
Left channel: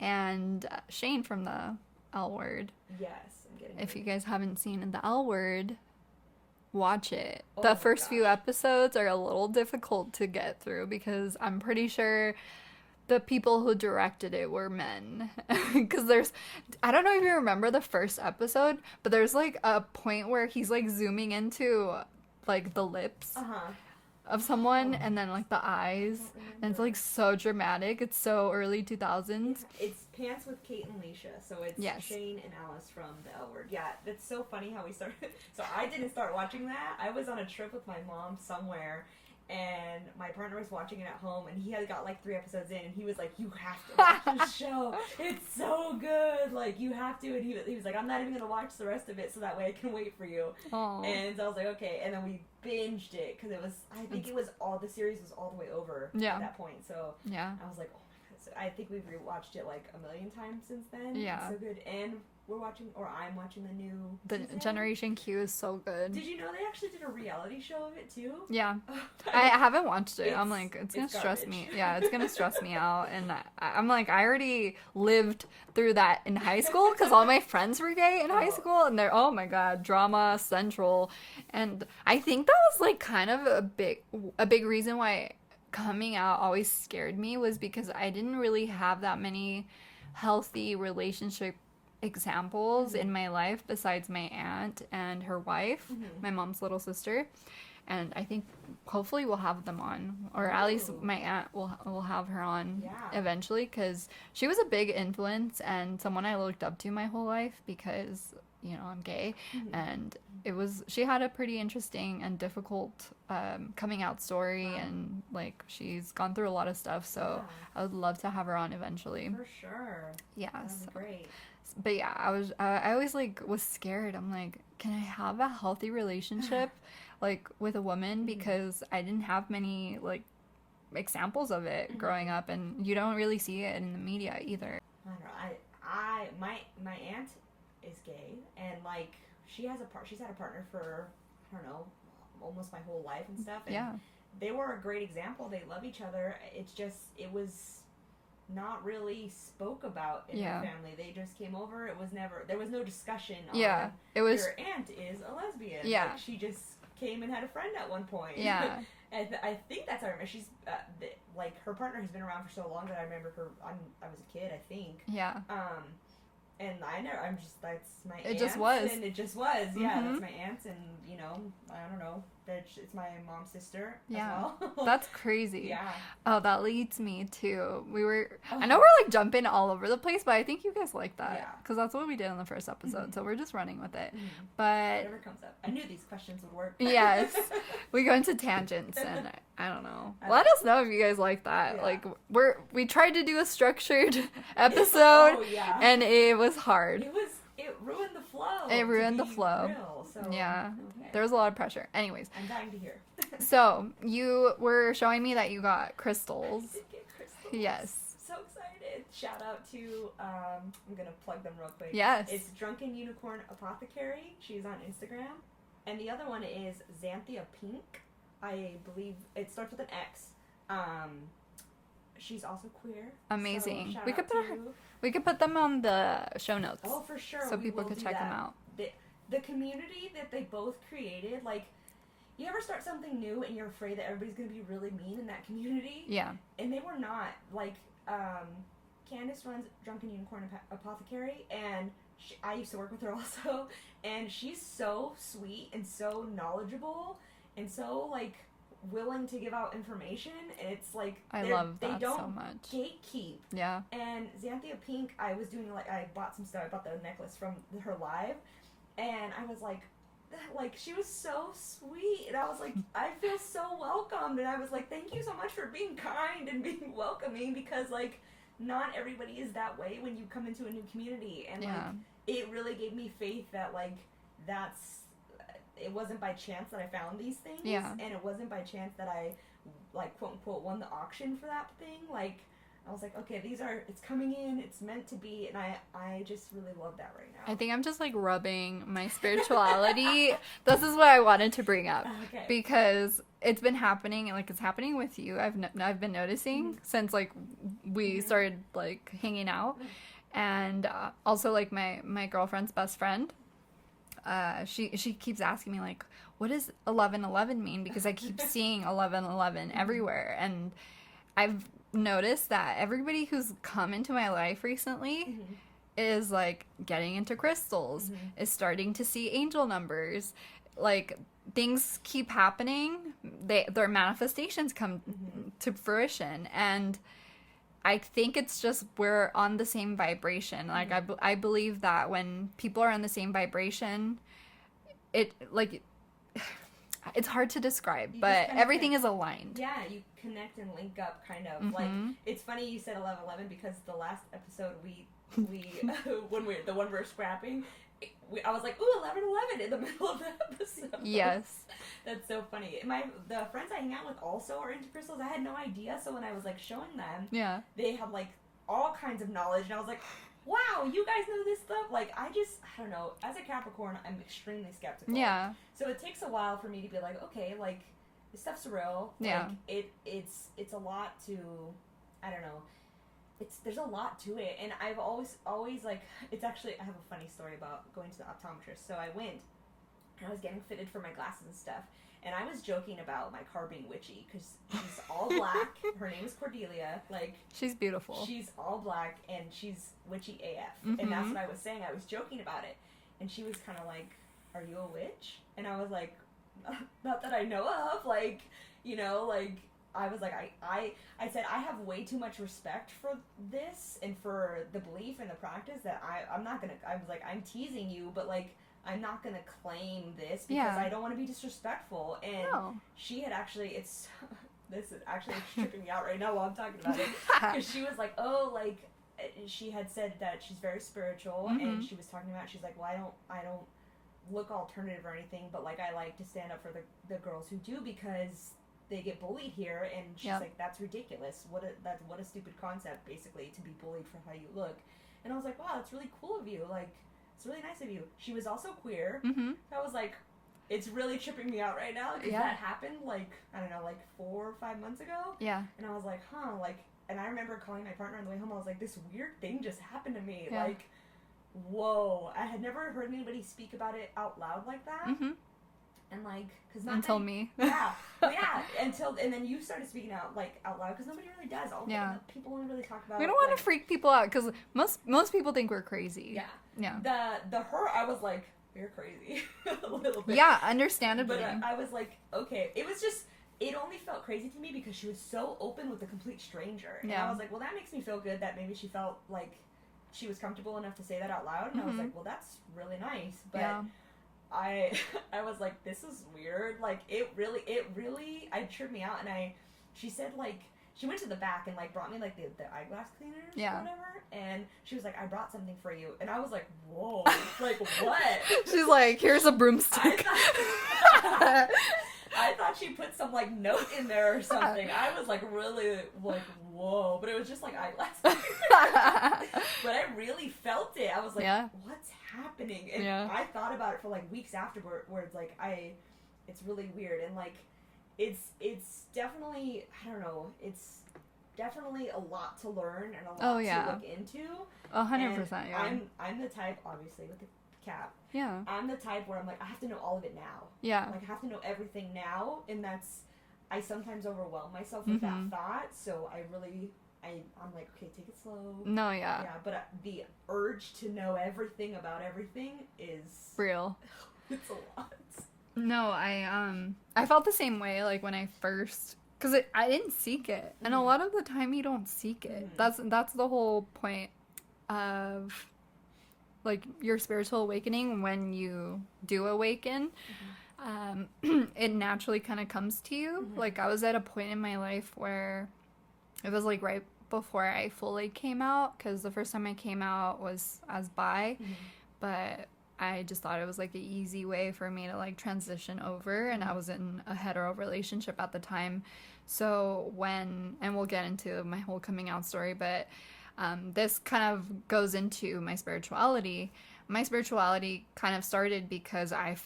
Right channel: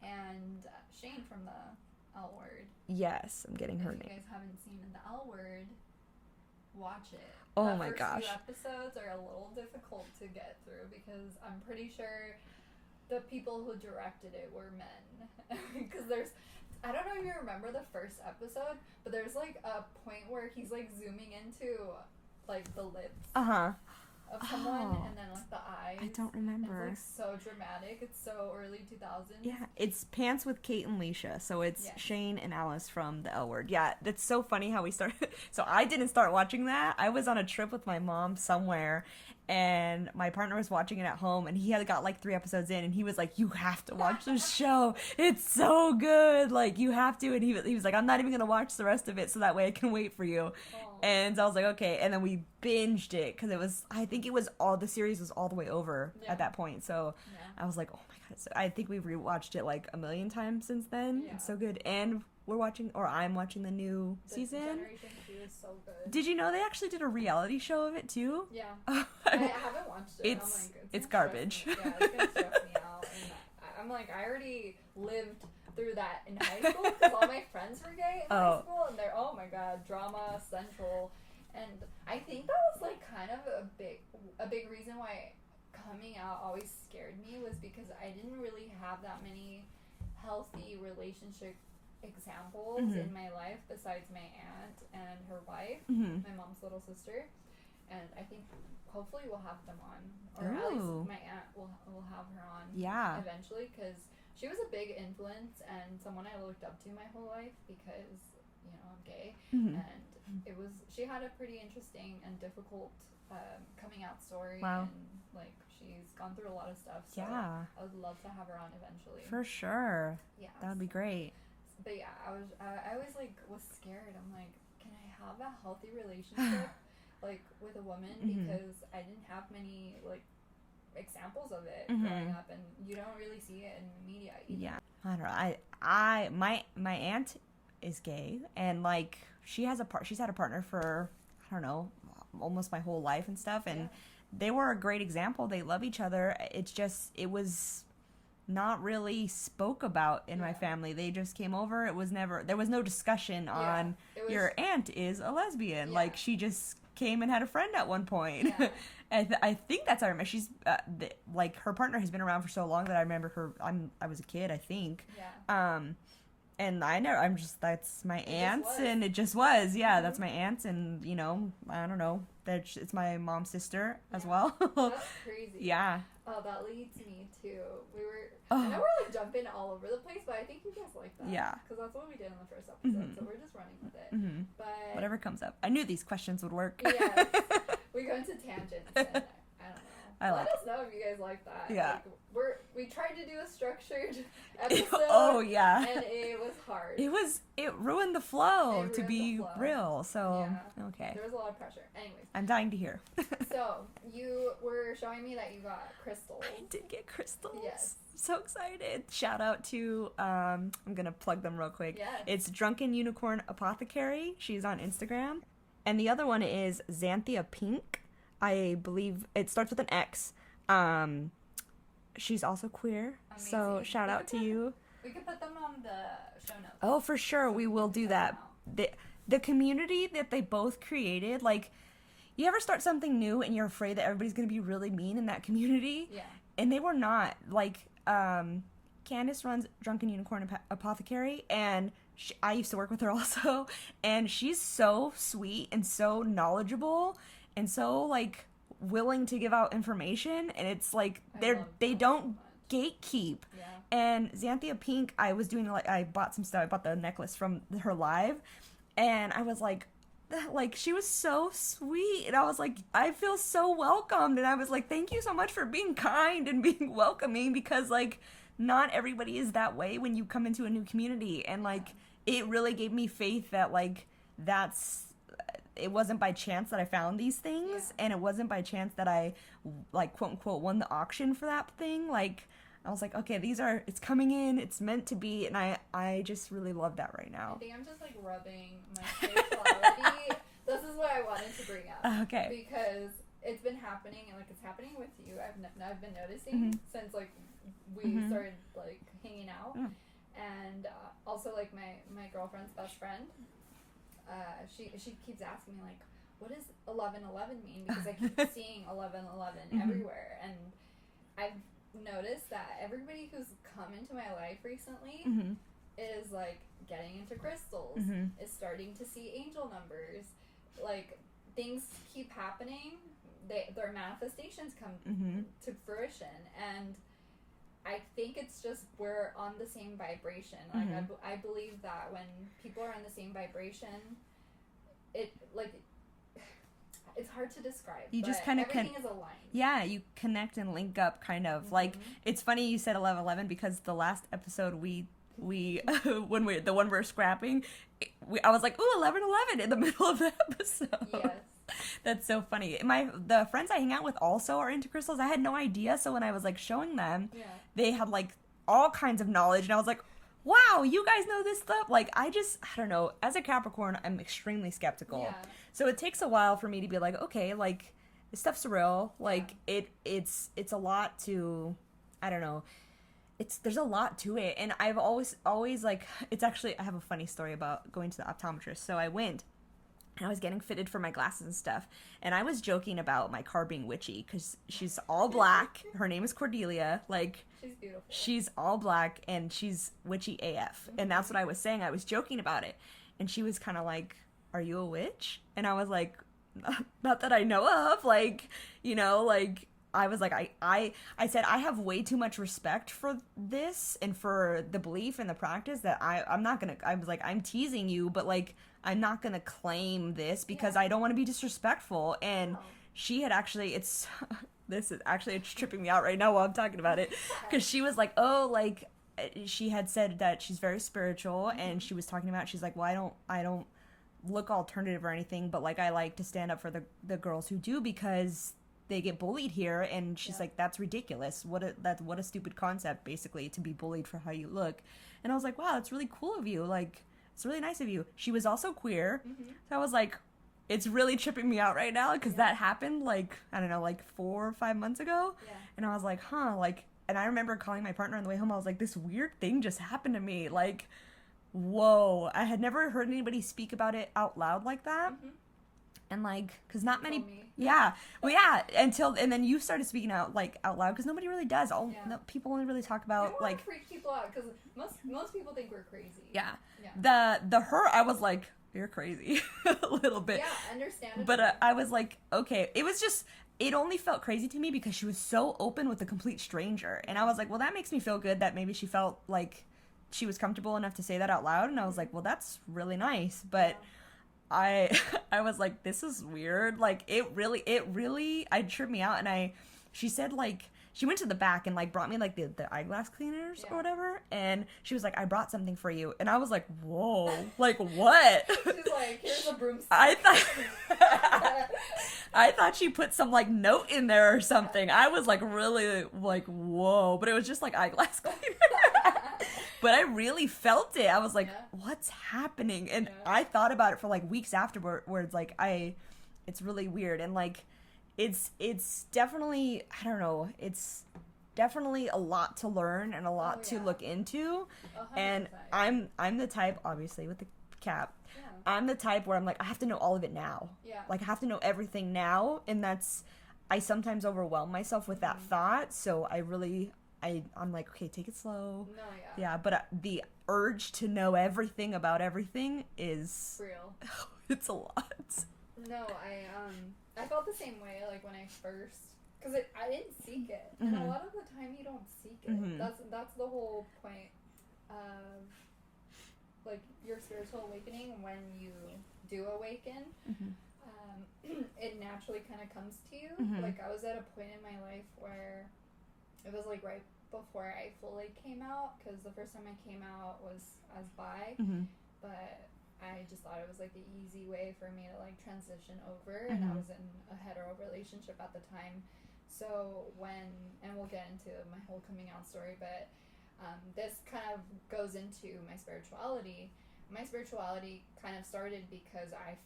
And Shane from the L Word. Yes, I'm getting her If you name. guys haven't seen the L Word, watch it. Oh the my first few gosh. episodes are a little difficult to get through because I'm pretty sure the people who directed it were men. Because I don't know if you remember the first episode, but there's like a point where he's like zooming into like the lips of someone and then like the eyes. I don't remember. And it's like so dramatic. It's so early 2000s. Yeah, it's Pants with Kate and Leisha. So it's Shane and Alice from the L Word. Yeah, that's so funny how we started. So I didn't start watching that. I was on a trip with my mom somewhere, and my partner was watching it at home, and he had got like 3 episodes in, and he was like, you have to watch this show. It's so good. Like, you have to. And he was like, I'm not even going to watch the rest of it so that way I can wait for you. Aww. And so I was like, okay. And then we binged it because I think the series was all the way over at that point. So I was like, oh my God. So I think we've rewatched it like a million times since then. Yeah. It's so good. And I'm watching the new season. Generation Q is so good. Did you know they actually did a reality show of it too? Yeah. I haven't watched it. I'm like, it's gonna stress me. Yeah, it's gonna stress me out. And I'm like, I already lived through that in high school because all my friends were gay in high school, and they're, oh my God, drama central. And I think that was like kind of a big reason why coming out always scared me, was because I didn't really have that many healthy relationship examples in my life besides my aunt and her wife, my mom's little sister. And I think hopefully we'll have them on, or at least my aunt will have her on eventually, because she was a big influence and someone I looked up to my whole life because, you know, I'm gay. And she had a pretty interesting and difficult coming out story. And like she's gone through a lot of stuff, so I would love to have her on eventually. For sure. Yeah, that would be great. But yeah, I always like was scared. I'm like, can I have a healthy relationship like with a woman? Because I didn't have many like examples of it growing up, and you don't really see it in the media either. Yeah. I don't know. My aunt is gay, and like she's had a partner for, I don't know, almost my whole life and stuff, and they were a great example. They love each other. It's just, it was not really spoke about in my family. They just came over. There was no discussion on your aunt is a lesbian. Like, she just came and had a friend at one point. Yeah. I think that's how I remember. She's like, her partner has been around for so long that I remember her. I was a kid, I think. Yeah. And that's my aunt's. It just was. And it just was. Yeah, that's my aunt's, and, you know, I don't know. It's my mom's sister as well. That's crazy. Yeah. Oh, that leads me to, I know we're like jumping all over the place, but I think you guys like that. Yeah. Because that's what we did in the first episode, so we're just running with it. Mm-hmm. But whatever comes up. I knew these questions would work. Yes. We go into tangents, and I don't know. Let us know if you guys like that. Yeah. Like, we tried to do a structured episode. Oh, yeah. And it was hard. It ruined the flow. It ruined the flow. Real, so yeah. Okay. There was a lot of pressure. Anyways, I'm dying to hear. So you were showing me that you got crystals. I did get crystals. Yes. So excited. Shout out to I'm gonna plug them real quick. Yes. It's Drunken Unicorn Apothecary. She's on Instagram. And the other one is Xanthia Pink. I believe it starts with an X. She's also queer. Amazing. So shout out to you. We could put them on the show notes. Oh, for sure. So we will do that. The community that they both created, like, you ever start something new and you're afraid that everybody's going to be really mean in that community? Yeah. And they were not. Like, Candace runs Drunken Unicorn Apothecary, and I used to work with her also, and she's so sweet and so knowledgeable and so, like, willing to give out information, and it's like they don't so gatekeep. Yeah. And Xanthia Pink, I bought some stuff. I bought the necklace from her live, and I was like, she was so sweet, and I was like, I feel so welcomed, and I was like, thank you so much for being kind and being welcoming, because like not everybody is that way when you come into a new community, and like it really gave me faith that like it wasn't by chance that I found these things, and it wasn't by chance that I, like, quote unquote, won the auction for that thing. Like, I was like, okay, it's coming in, it's meant to be, and I just really love that right now. I think I'm just, like, rubbing my spirituality. This is what I wanted to bring up. Okay. Because it's been happening, and, like, it's happening with you. I've been noticing since, like, we started, like, hanging out. And also, like, my girlfriend's best friend, she keeps asking me, like, what does 1111 mean? Because I keep seeing 1111 everywhere, and I've noticed that everybody who's come into my life recently is, like, getting into crystals, is starting to see angel numbers, like, things keep happening, their manifestations come to fruition, and I think it's just we're on the same vibration. Like, I believe that when people are on the same vibration, it's hard to describe, but everything is aligned. Yeah, you connect and link up, kind of. Like, it's funny you said 1111, because the last episode we the one we're scrapping, I was like, ooh, 1111 in the middle of the episode. Yes. That's so funny. The friends I hang out with also are into crystals. I had no idea, so when I was, like, showing them, they had, like, all kinds of knowledge, and I was like, wow, you guys know this stuff? Like, I don't know. As a Capricorn, I'm extremely skeptical. Yeah. So it takes a while for me to be like, okay, like, this stuff's real. Like, it's a lot to, I don't know. There's a lot to it. And I've always, like, it's actually, I have a funny story about going to the optometrist. So I went, and I was getting fitted for my glasses and stuff. And I was joking about my car being witchy, because she's all black. Her name is Cordelia. Like, she's beautiful. She's all black, and she's witchy AF. And that's what I was saying. I was joking about it. And she was kind of like, are you a witch? And I was like, not that I know of. Like, you know, like, I was like, I said, I have way too much respect for this and for the belief and the practice that I'm not going to, I was like, I'm teasing you, but, like, I'm not going to claim this because I don't want to be disrespectful. And she had actually, it's tripping me out right now while I'm talking about it. Because she was like, oh, like, she had said that she's very spiritual, and she was talking about, she's like, well, I don't look alternative or anything, but, like, I like to stand up for the girls who do, because they get bullied here, and she's Yep. like, that's ridiculous. What a stupid concept, basically, to be bullied for how you look. And I was like, wow, that's really cool of you. Like, it's really nice of you. She was also queer. Mm-hmm. So I was like, it's really tripping me out right now because Yeah. that happened, like, I don't know, like 4 or 5 months ago. Yeah. And I was like, like, and I remember calling my partner on the way home. I was like, this weird thing just happened to me. Yeah. Like, whoa. I had never heard anybody speak about it out loud like that. Mm-hmm. And like, because not Until many, me. yeah, well, yeah, and then you started speaking out loud because nobody really does. People only really talk about. We don't want to freak people out because most people think we're crazy. Yeah, yeah. The her, I was like, you're crazy, a little bit. Yeah, understandably. But I was like, okay, it was just. It only felt crazy to me because she was so open with a complete stranger, and I was like, well, that makes me feel good that maybe she felt like she was comfortable enough to say that out loud, and I was like, well, that's really nice, but. Yeah. I was like, this is weird. Like, it really, tripped me out. And she said, like, she went to the back and, like, brought me, like, the eyeglass cleaners or whatever. And she was like, I brought something for you. And I was like, whoa, like, what? She's like, here's a broomstick. I thought she put some, like, note in there or something. I was, like, really, like, whoa. But it was just, like, eyeglass cleaners. But I really felt it. I was like, what's happening? And I thought about it for, like, weeks afterwards. Like, it's really weird. And, like, it's definitely, I don't know, it's definitely a lot to learn and a lot to look into. 100%. And yeah. I'm the type, obviously, with the cap. Yeah. I'm the type where I'm like, I have to know all of it now. Yeah. Like, I have to know everything now. And I sometimes overwhelm myself with that thought. So I'm like, okay, take it slow. No, yeah. Yeah, but the urge to know everything about everything is... real. It's a lot. No, I felt the same way, like, when I first... Because I didn't seek it. And a lot of the time, you don't seek it. That's the whole point of... like, your spiritual awakening. When you do awaken, it naturally kind of comes to you. Like, I was at a point in my life where it was, like, right before I fully came out, because the first time I came out was as bi, but I just thought it was, like, an easy way for me to, like, transition over, and I was in a hetero relationship at the time. So and we'll get into my whole coming out story, but this kind of goes into my spirituality. My spirituality kind of started because I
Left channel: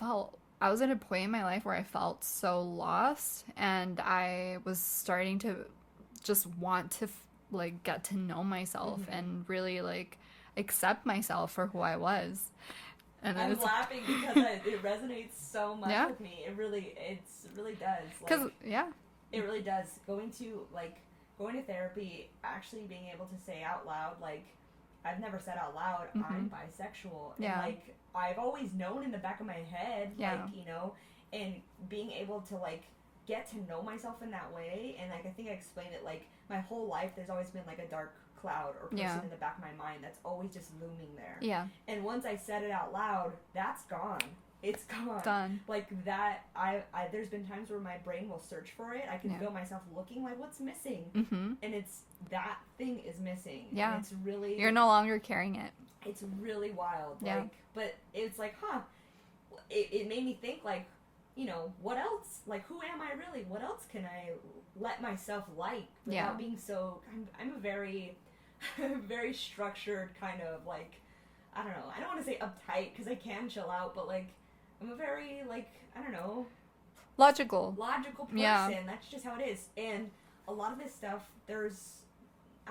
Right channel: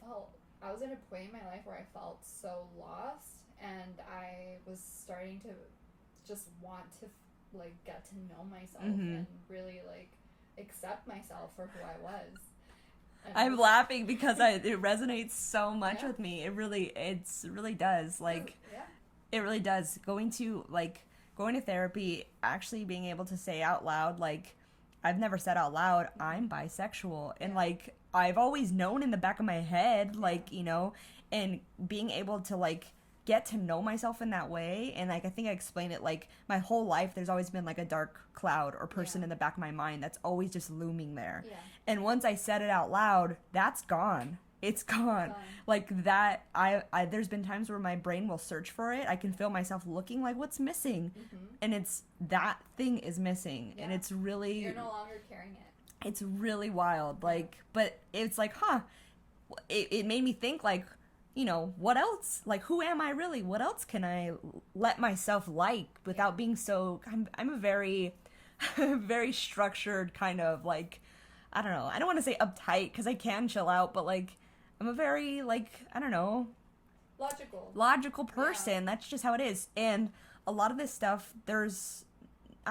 was at a point in my life where I felt so lost, and I was starting to just want to, like, get to know myself and really, like, accept myself for who I was. And I'm laughing because it resonates so much with me. It really does. Like, it really does. Going to therapy, actually being able to say out loud, like, I've never said out loud, I'm bisexual. And, like, I've always known in the back of my head, like, you know, and being able to, like, get to know myself in that way. And, like, I think I explained it, like, my whole life there's always been, like, a dark cloud or person in the back of my mind that's always just looming there. Yeah. And once I said it out loud, that's gone. It's gone. Like, that, I there's been times where my brain will search for it. I can feel myself looking, like, what's missing? And it's, that thing is missing. Yeah. And it's really... You're no longer carrying it. It's really wild. Like, but it's like, it made me think, like, you know, what else? Like, who am I really? What else can I let myself like without being so... I'm a very, very structured kind of, like, I don't know. I don't want to say uptight, because I can chill out, but, like, I'm a very, like, I don't know. Logical person. Yeah. That's just how it is. And a lot of this stuff, I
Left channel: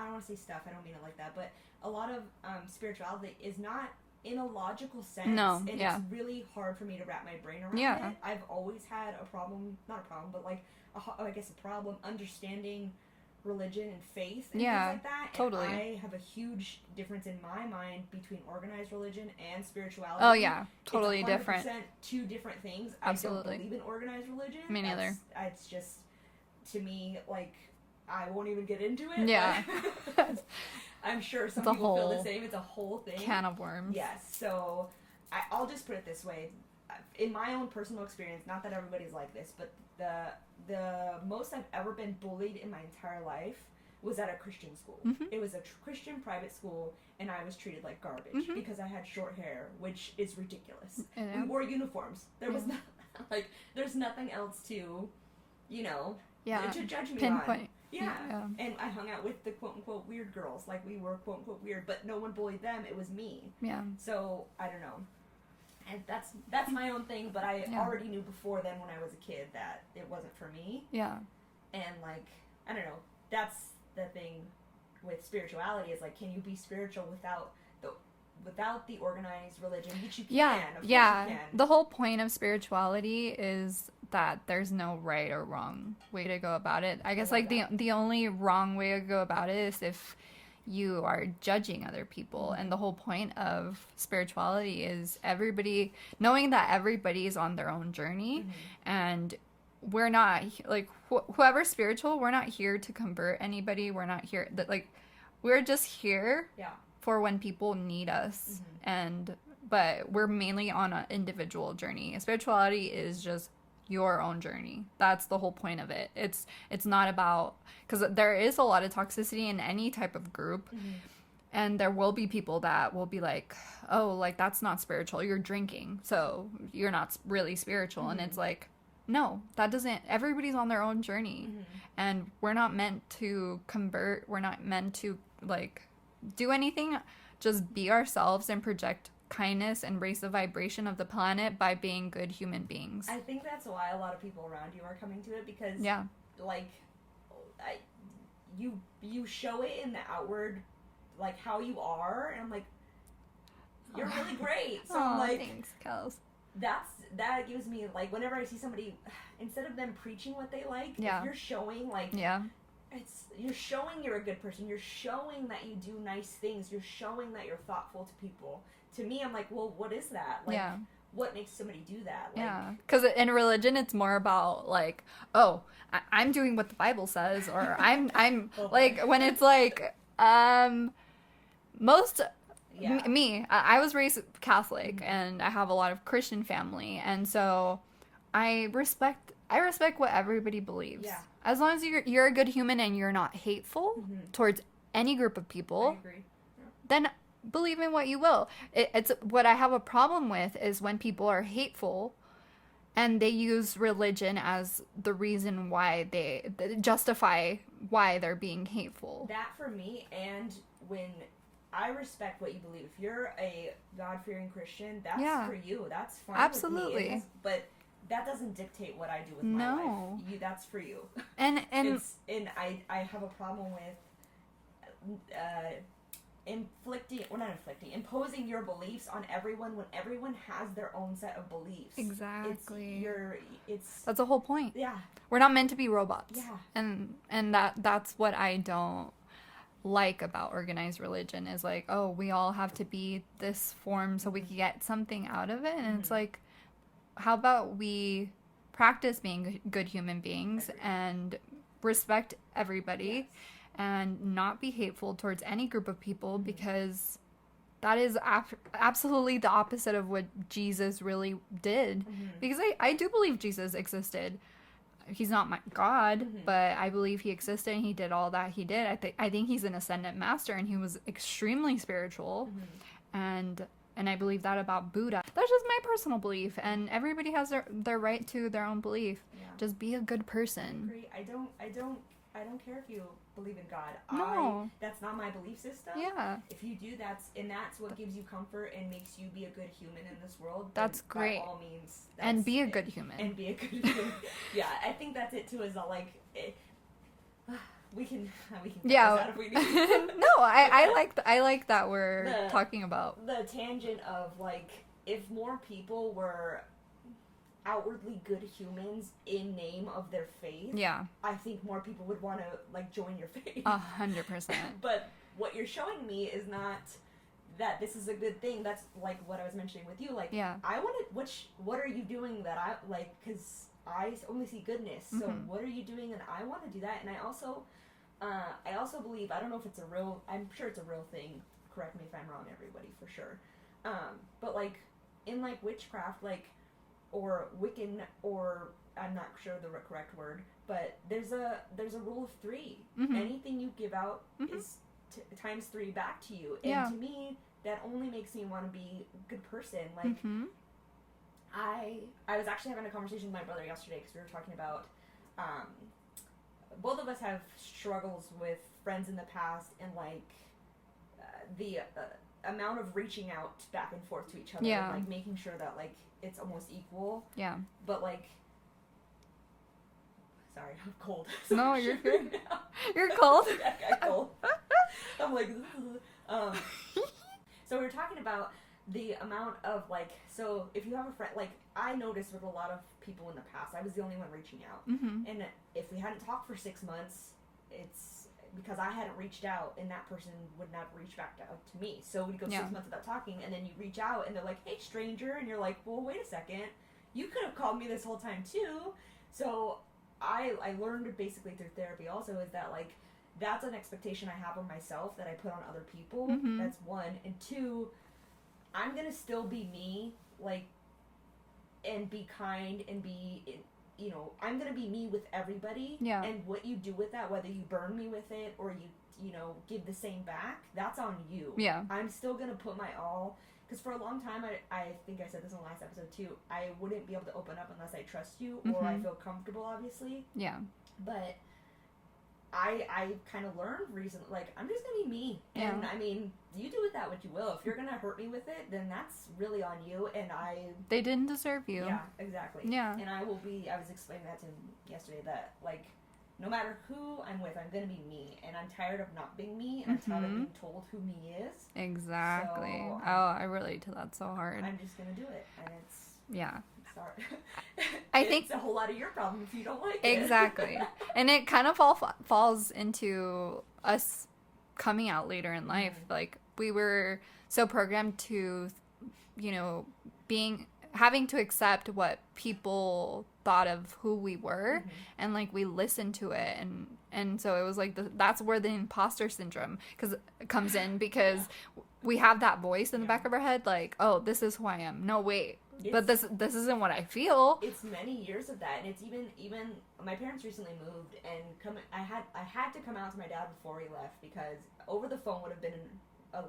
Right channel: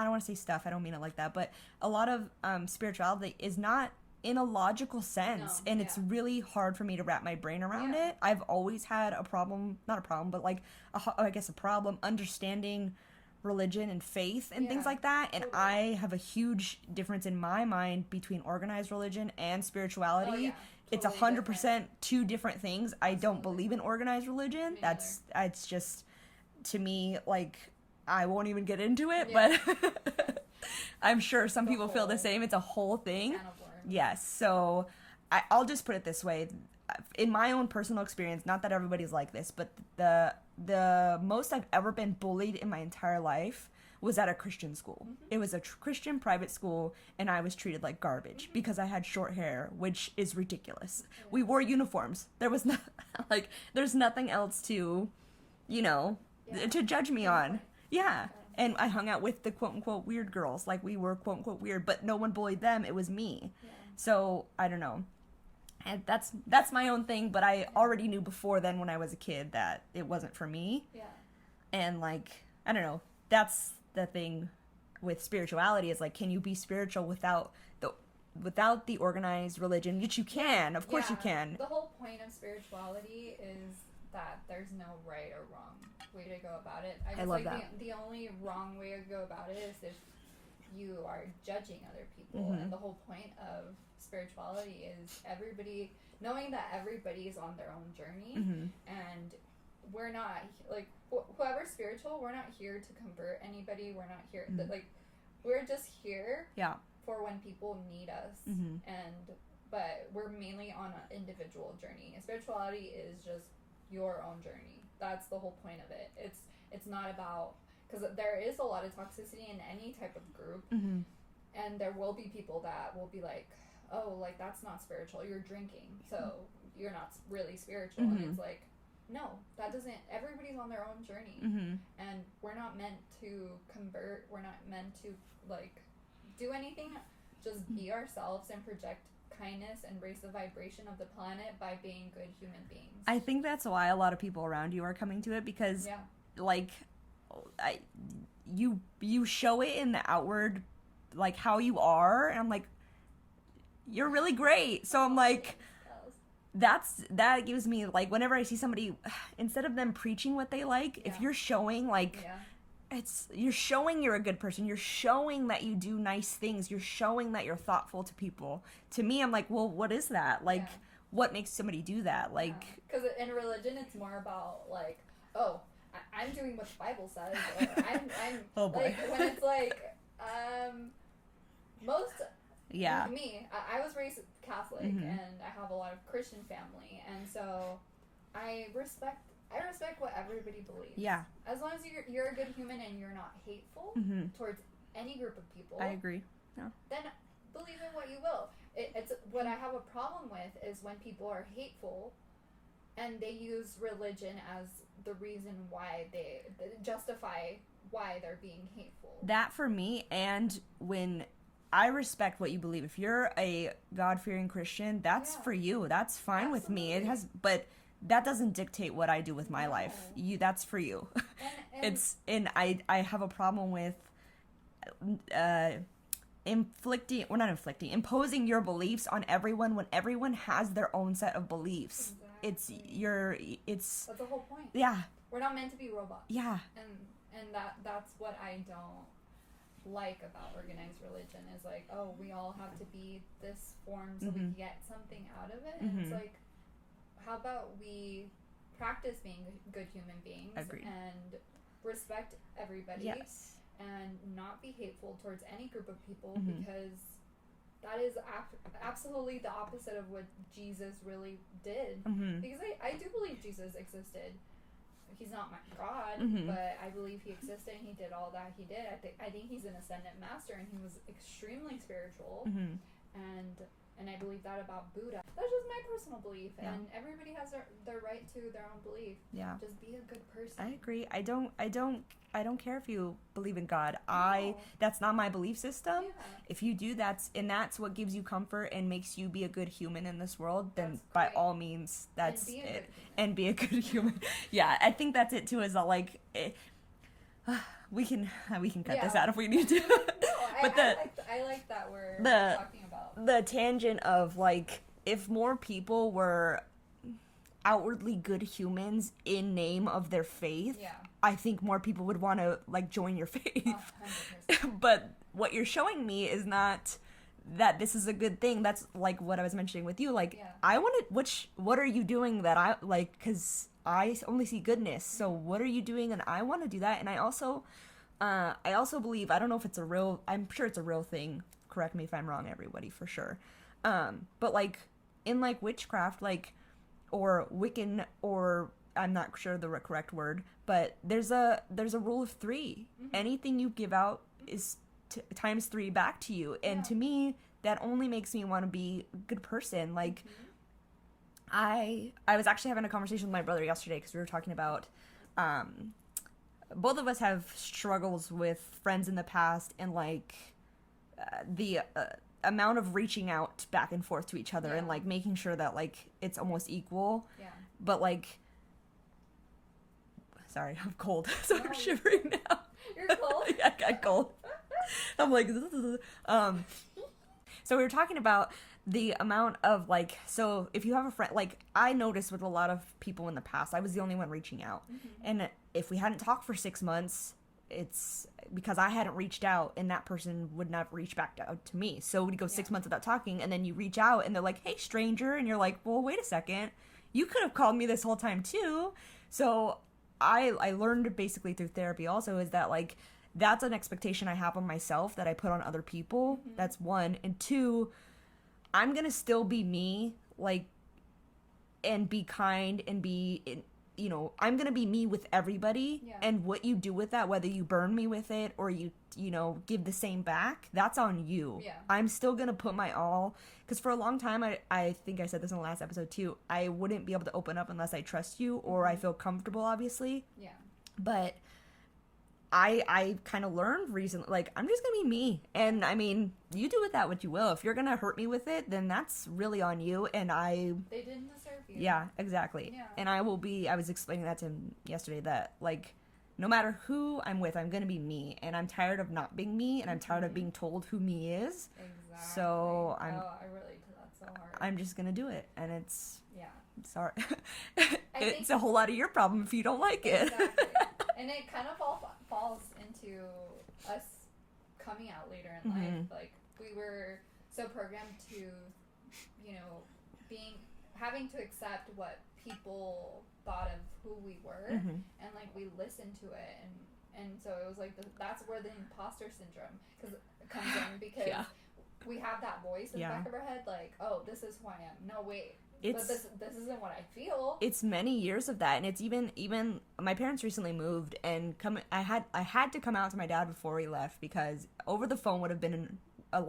don't want to say stuff, I don't mean it like that, but a lot of spirituality is not in a logical sense. No, and it's really hard for me to wrap my brain around it. I've always had a problem, not a problem, but, like, a problem understanding religion and faith and things like that. And I have a huge difference in my mind between organized religion and spirituality. Oh, yeah. Totally it's 100% different. Two different things. Absolutely. I don't believe in organized religion. Me neither. It's just, to me, like, I won't even get into it. Yeah. But I'm sure some people feel the same. It's a whole thing. Can of worms. Yes. So I'll just put it this way. In my own personal experience, not that everybody's like this, but the most I've ever been bullied in my entire life was at a Christian school. It was a Christian private school, and I was treated like garbage because I had short hair, which is ridiculous. We wore uniforms. There was there's nothing else to, you know, to judge me Pinpoint. on. Yeah. And I hung out with the quote-unquote weird girls. Like, we were quote-unquote weird, but no one bullied them. It was me. Yeah. So, I don't know. And that's my own thing, but I already knew before then when I was a kid that it wasn't for me. Yeah. And, like, I don't know. That's the thing with spirituality is, like, can you be spiritual without the organized religion? Which you can. Of course you can. The whole point of spirituality is that there's no right or wrong way to go about it. I guess like the only wrong way to go about it is if you are judging other people. And the whole point of spirituality is knowing that everybody is on their own journey, and we're not like whoever's spiritual, we're not here to convert anybody. We're not here that we're just here for when people need us. But we're mainly on an individual journey. Spirituality is just your own journey. That's the whole point of it. It's not about, because there is a lot of toxicity in any type of group, and there will be people that will be like, oh, like, that's not spiritual, you're drinking, so you're not really spiritual. And it's like, no, that doesn't, everybody's on their own journey. And we're not meant to convert, we're not meant to like do anything, just be ourselves and project kindness and raise the vibration of the planet by being good human beings. I think that's why a lot of people around you are coming to it, because like you show it in the outward, like how you are, and I'm like, you're really great. So I'm like, thanks, Kels. That gives me, like, whenever I see somebody, instead of them preaching what they like, if you're showing, like, you're showing you're a good person, you're showing that you do nice things, you're showing that you're thoughtful to people. To me, I'm like, well, what is that? Like, what makes somebody do that? Like, because in religion, it's more about, like, oh, I'm doing what the Bible says, or I'm like, when it's like, most... Me, I was raised Catholic, and I have a lot of Christian family, and so I respect what everybody believes. Yeah. As long as you're a good human and you're not hateful towards any group of people. I agree. Yeah. Then believe in what you will. It's what I have a problem with is when people are hateful and they use religion as the reason why they justify why they're being hateful. That for me, and when I respect what you believe. If you're a God-fearing Christian, that's for you. That's fine with me. But that doesn't dictate what I do with my life. That's for you. And I have a problem with imposing your beliefs on everyone when everyone has their own set of beliefs. Exactly. That's the whole point. Yeah. We're not meant to be robots. Yeah. And that's what I don't like about organized religion is like, oh, we all have to be this form so we can get something out of it. And it's like, how about we practice being good human beings and respect everybody and not be hateful towards any group of people, because that is absolutely the opposite of what Jesus really did. Because I do believe Jesus existed. He's not my God, but I believe he existed and he did all that he did. I think he's an ascendant master, and he was extremely spiritual. And I believe that about Buddha. That's just my personal belief, and everybody has their right to their own belief. Yeah. Just be a good person. I agree. I don't care if you believe in God. No. That's not my belief system. Yeah. If you do, that's what gives you comfort and makes you be a good human in this world. That's great. By all means, and be a good human. And be a good human. Yeah, I think that's it too. Is like, we can cut this out if we need to. No, I like that we're talking about the tangent of, like, if more people were outwardly good humans in name of their faith, I think more people would want to, like, join your faith. 100%. But what you're showing me is not that this is a good thing. That's like what I was mentioning with you. Like, I want to. What are you doing that I like? Because I only see goodness. So what are you doing? And I want to do that. And I also believe, I don't know if it's a real. I'm sure it's a real thing. Correct me if I'm wrong, everybody, for sure. But like in like witchcraft, like, or Wiccan, or I'm not sure the correct word, but there's a rule of 3. Anything you give out is times 3 back to you, and to me that only makes me want to be a good person. Like, I was actually having a conversation with my brother yesterday because we were talking about both of us have struggles with friends in the past, and like the amount of reaching out back and forth to each other, and like making sure that like it's almost equal. Yeah. But like, sorry, I'm cold. So no, I'm shivering now. You're cold. I got cold. I'm like, so we were talking about the amount of like, so if you have a friend, like I noticed with a lot of people in the past, I was the only one reaching out. And if we hadn't talked for 6 months, it's because I hadn't reached out, and that person would not reach back out to me. So we'd go 6 months without talking, and then you reach out and they're like, hey stranger, and you're like, well, wait a second, you could have called me this whole time too. So I learned basically through therapy also is that like that's an expectation I have on myself that I put on other people. That's one. And two, I'm gonna still be me, like, and be kind and be, you know, I'm gonna be me with everybody. Yeah. And what you do with that, whether you burn me with it or you know, give the same back, that's on you. Yeah. I'm still gonna put my all, because for a long time, I think I said this in the last episode too, I wouldn't be able to open up unless I trust you or I feel comfortable, obviously. Yeah. But I kind of learned recently, like, I'm just gonna be me. And I mean, you do with that what you will. If you're gonna hurt me with it, then that's really on you. And they didn't deserve you. Yeah, exactly. Yeah. And I was explaining that to him yesterday, that like, no matter who I'm with, I'm gonna be me. And I'm tired of not being me, and I'm tired of being told who me is. Exactly. So I relate to that so hard. I'm just gonna do it. And it's, yeah. sorry. I think it's a whole lot of your problem if you don't like it. Exactly. And it kind of falls into us coming out later in life. Like, we were so programmed to, you know, having to accept what people thought of who we were, and like we listened to it, and so it was like that's where the imposter syndrome comes in, because we have that voice in the back of our head, like, oh, this is who I am. No, wait, but this isn't what I feel. It's many years of that, and it's even my parents recently moved, and I had to come out to my dad before we left, because over the phone would have been a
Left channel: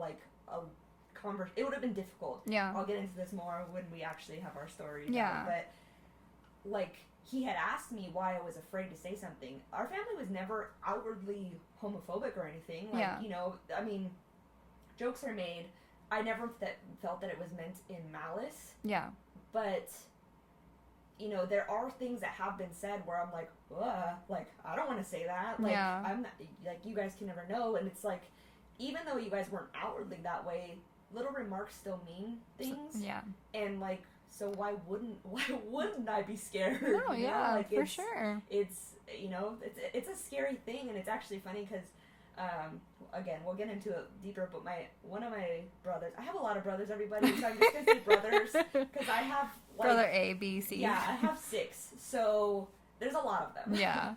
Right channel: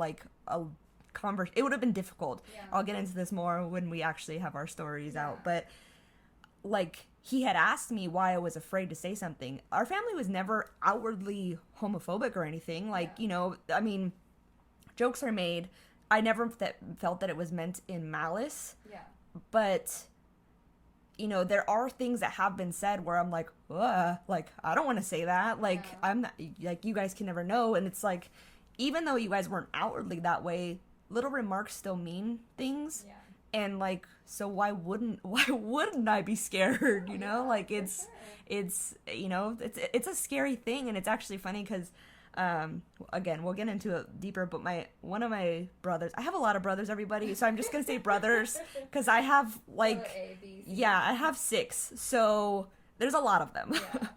it would have been difficult. Yeah. I'll get into this more when we actually have our stories Yeah. out, but like, he had asked me why I was afraid to say something. Our family was never outwardly homophobic or anything. Like, you know, I mean, jokes are made. I never felt that it was meant in malice. Yeah. But, you know, there are things that have been said where I'm like, like, I don't want to say that. Like, I'm not, like, you guys can never know. And it's like, even though you guys weren't outwardly that way, little remarks still mean things. Yeah. And like, so why wouldn't I be scared? No, you know, yeah, like, for sure. it's, you know, it's a scary thing. And it's actually funny because, again, we'll get into it deeper, but one of my brothers, I have a lot of brothers, everybody, so I'm just gonna say brothers, because I have like Brother A, B, C. Yeah, I have 6, so there's a lot of them. Yeah.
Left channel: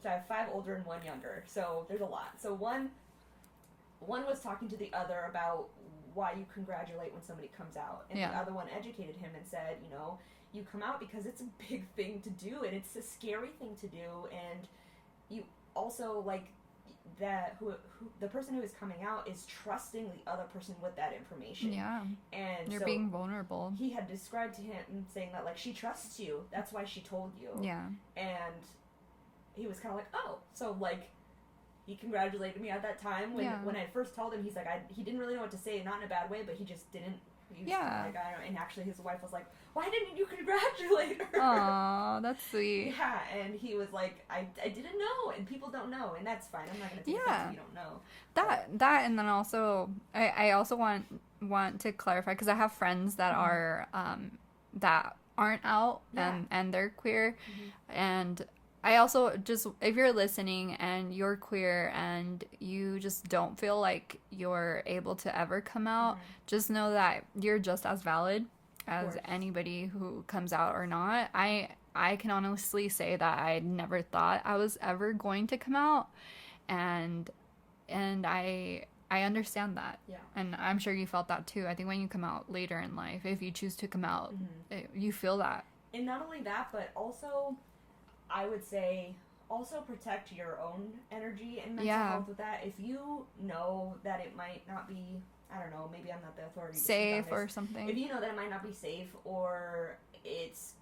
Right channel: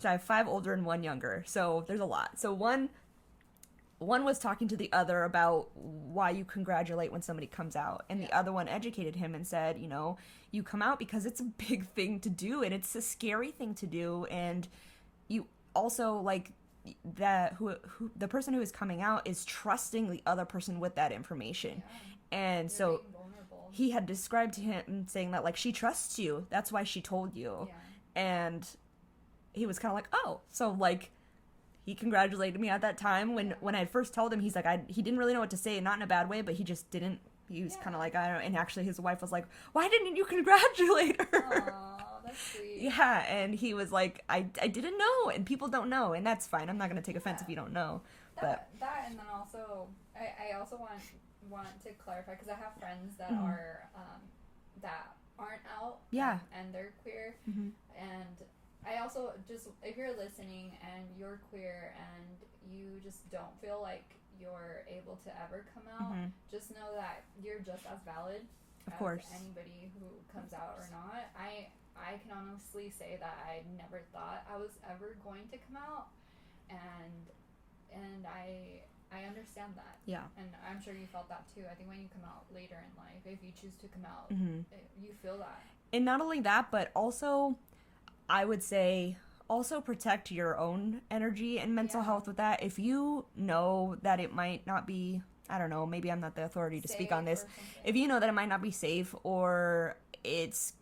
So I have 5 older and 1 younger, so there's a lot. So one was talking to the other about why you congratulate when somebody comes out, and the other one educated him and said, you know, you come out because it's a big thing to do, and it's a scary thing to do, and you also, like, that the person who is coming out is trusting the other person with that information. Yeah. And you're so being vulnerable. He had described to him saying that, like, she trusts you, that's why she told you. Yeah. And he was kind of like, oh, so like, he congratulated me at that time when I first told him. He's like, he didn't really know what to say, not in a bad way, but he just didn't. He was kind of like, I don't know. And actually, his wife was like, why didn't you congratulate her? Aw, that's sweet. Yeah, and he was like, I didn't know, and people don't know, and that's fine. I'm not going to take offense if you don't know. That, and then also, I also want to clarify, because I have friends that are, that aren't out, and they're queer, and I also just, if you're listening and you're queer and you just don't feel like you're able to ever come out, just know that you're just as valid as anybody who comes out or not. I can honestly say that I never thought I was ever going to come out, and I understand that. Yeah. And I'm sure you felt that too. I think when you come out later in life, if you choose to come out, you feel that. And not only that, but also, I would say, also protect your own energy and mental health with that. If you know that it might not be, I don't know, maybe I'm not the authority to speak on this. Or something. If you know that it might not be safe, or it's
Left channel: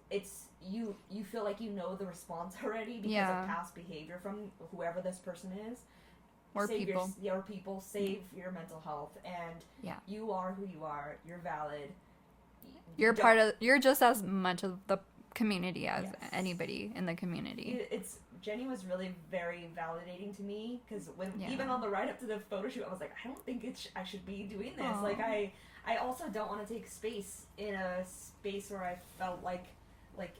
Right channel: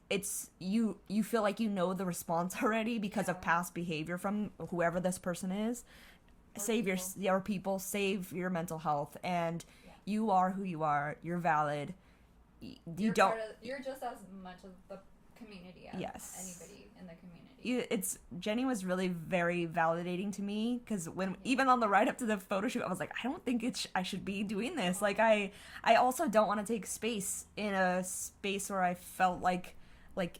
you feel like you know the response already because of past behavior from whoever this person is. Or save people. your people, save your mental health, and you are who you are. You're valid. You're just as much of the community as anybody in the community. Jenny was really very validating to me, because even on the ride up to the photo shoot, I was like, I don't think I should be doing this. Aww. Like I also don't want to take space in a space where I felt like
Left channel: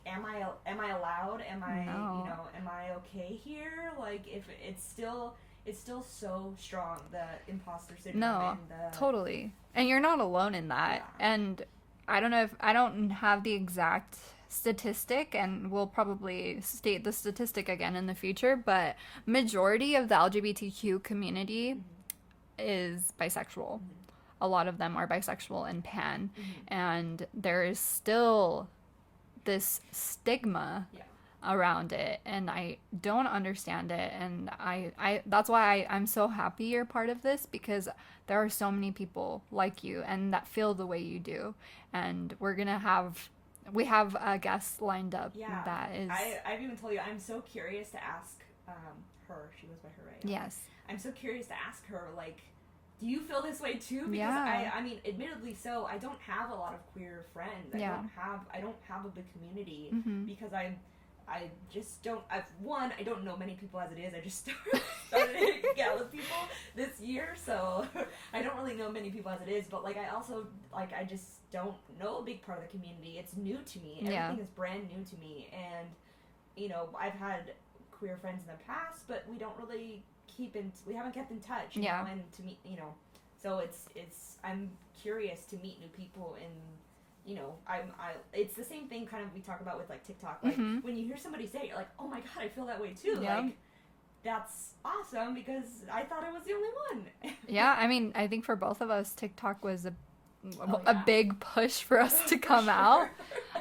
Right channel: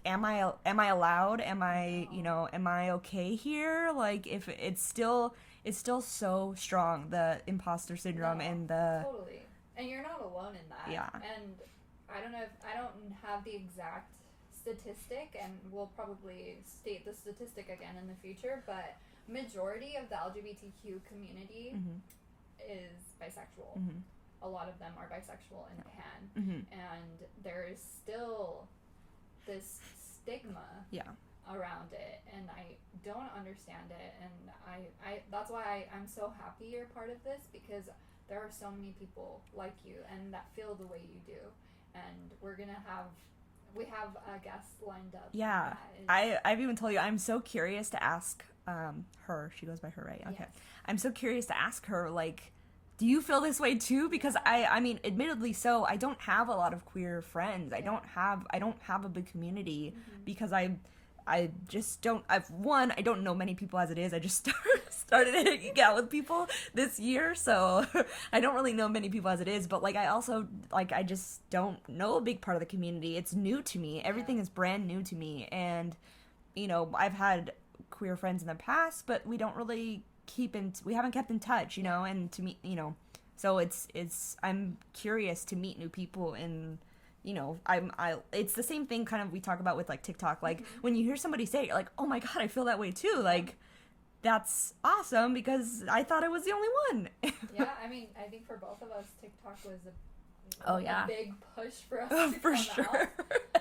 am I allowed? Am I okay here? Like, if it's still so strong, the imposter syndrome and the totally. And you're not alone in that. Yeah. And I don't have the exact statistic, and we'll probably state the statistic again in the future, but majority of the LGBTQ community is bisexual. A lot of them are bisexual and pan, and there is still this stigma around it, and I don't understand it, and I that's why I'm so happy you're part of this, because there are so many people like you and that feel the way you do, and we have a guest lined up. Yeah, that is... I've even told you, I'm so curious to ask her. She goes by her, right? Okay. Yes. I'm so curious to ask her, like, do you feel this way too? Because I mean, admittedly, so I don't have a lot of queer friends. I don't have a big community because I just don't. I don't know many people as it is. I just started hanging out with people this year, so I don't really know many people as it is. But like, I also I just don't know a big part of the community. It's new to me. Everything is brand new to me, and I've had queer friends in the past, but we don't really we haven't kept in touch, you know. And to meet, so it's I'm curious to meet new people and. It's the same thing kind of we talk about with like TikTok. Like when you hear somebody say it, you're like, oh my god, I feel that way too. Yeah. Like, that's awesome, because I thought I was the only one. Yeah, I mean, I think for both of us, TikTok was a big push for us to come out.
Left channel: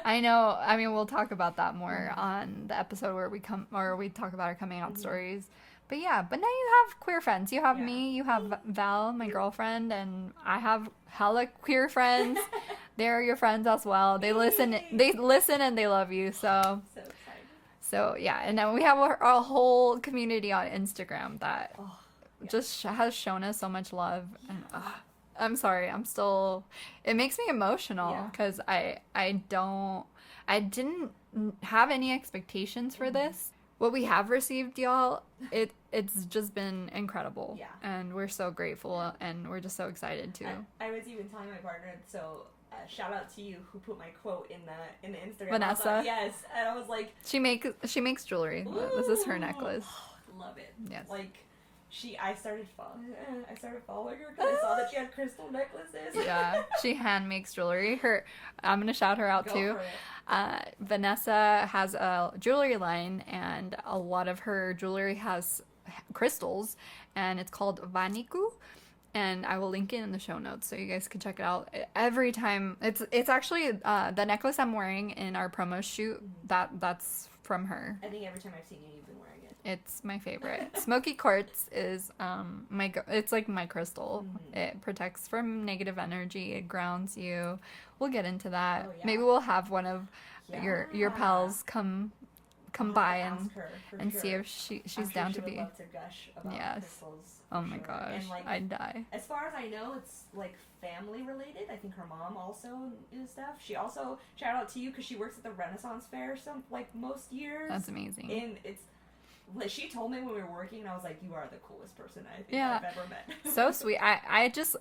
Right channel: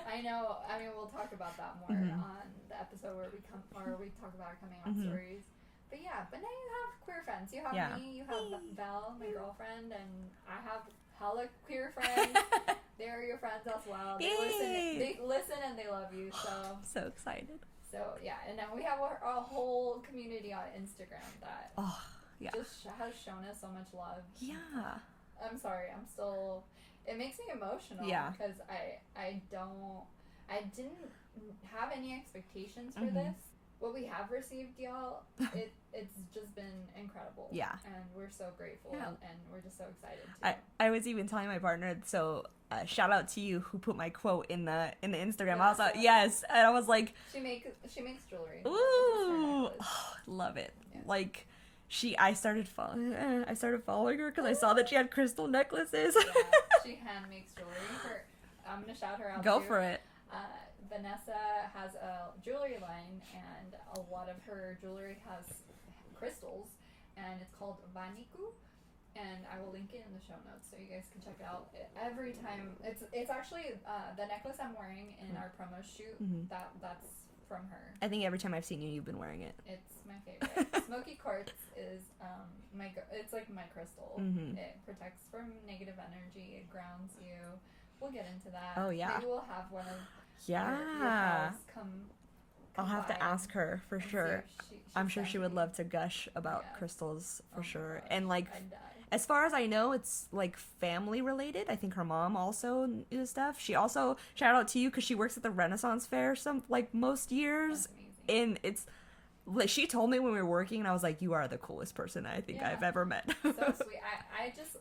I know. I mean, we'll talk about that more on the episode where we talk about our coming out stories. But yeah, now you have queer friends. You have me, you have Val, my girlfriend, and I have hella queer friends. They're your friends as well. They listen and they love you. So excited. So yeah, and then we have a whole community on Instagram that just has shown us so much love. Yeah. And, I'm sorry, it makes me emotional because I didn't have any expectations for this. What we have received, y'all, it's just been incredible. Yeah. And we're so grateful, and we're just so excited, too. I was even telling my partner, so shout out to you who put my quote in the Instagram. Vanessa. Also, yes. And I was like... She makes jewelry. Ooh, this is her necklace. Love it. Yes. Like... I started following her because I saw that she had crystal necklaces. Yeah, she hand makes jewelry. I'm gonna shout her out too. Go for it. Vanessa has a jewelry line, and a lot of her jewelry has crystals, and it's called Vaniku. And I will link it in the show notes so you guys can check it out. Every time, it's actually the necklace I'm wearing in our promo shoot. That's from her. I think every time I've seen you, you've been wearing it. It's my favorite. Smoky quartz is it's like my crystal. It protects from negative energy. It grounds you. We'll get into that. Oh yeah. Maybe we'll have one of your pals come by and ask her and sure. see if she's I'm sure down she to would love to gush about crystals. For my gosh, and like I'd die. As far as I know, it's like family related. I think her mom also is stuff. She also shout out to you because she works at the Renaissance Fair most years. That's amazing. And it's she told me when we were working, and I was like, you are the coolest person I think I've ever met. So sweet.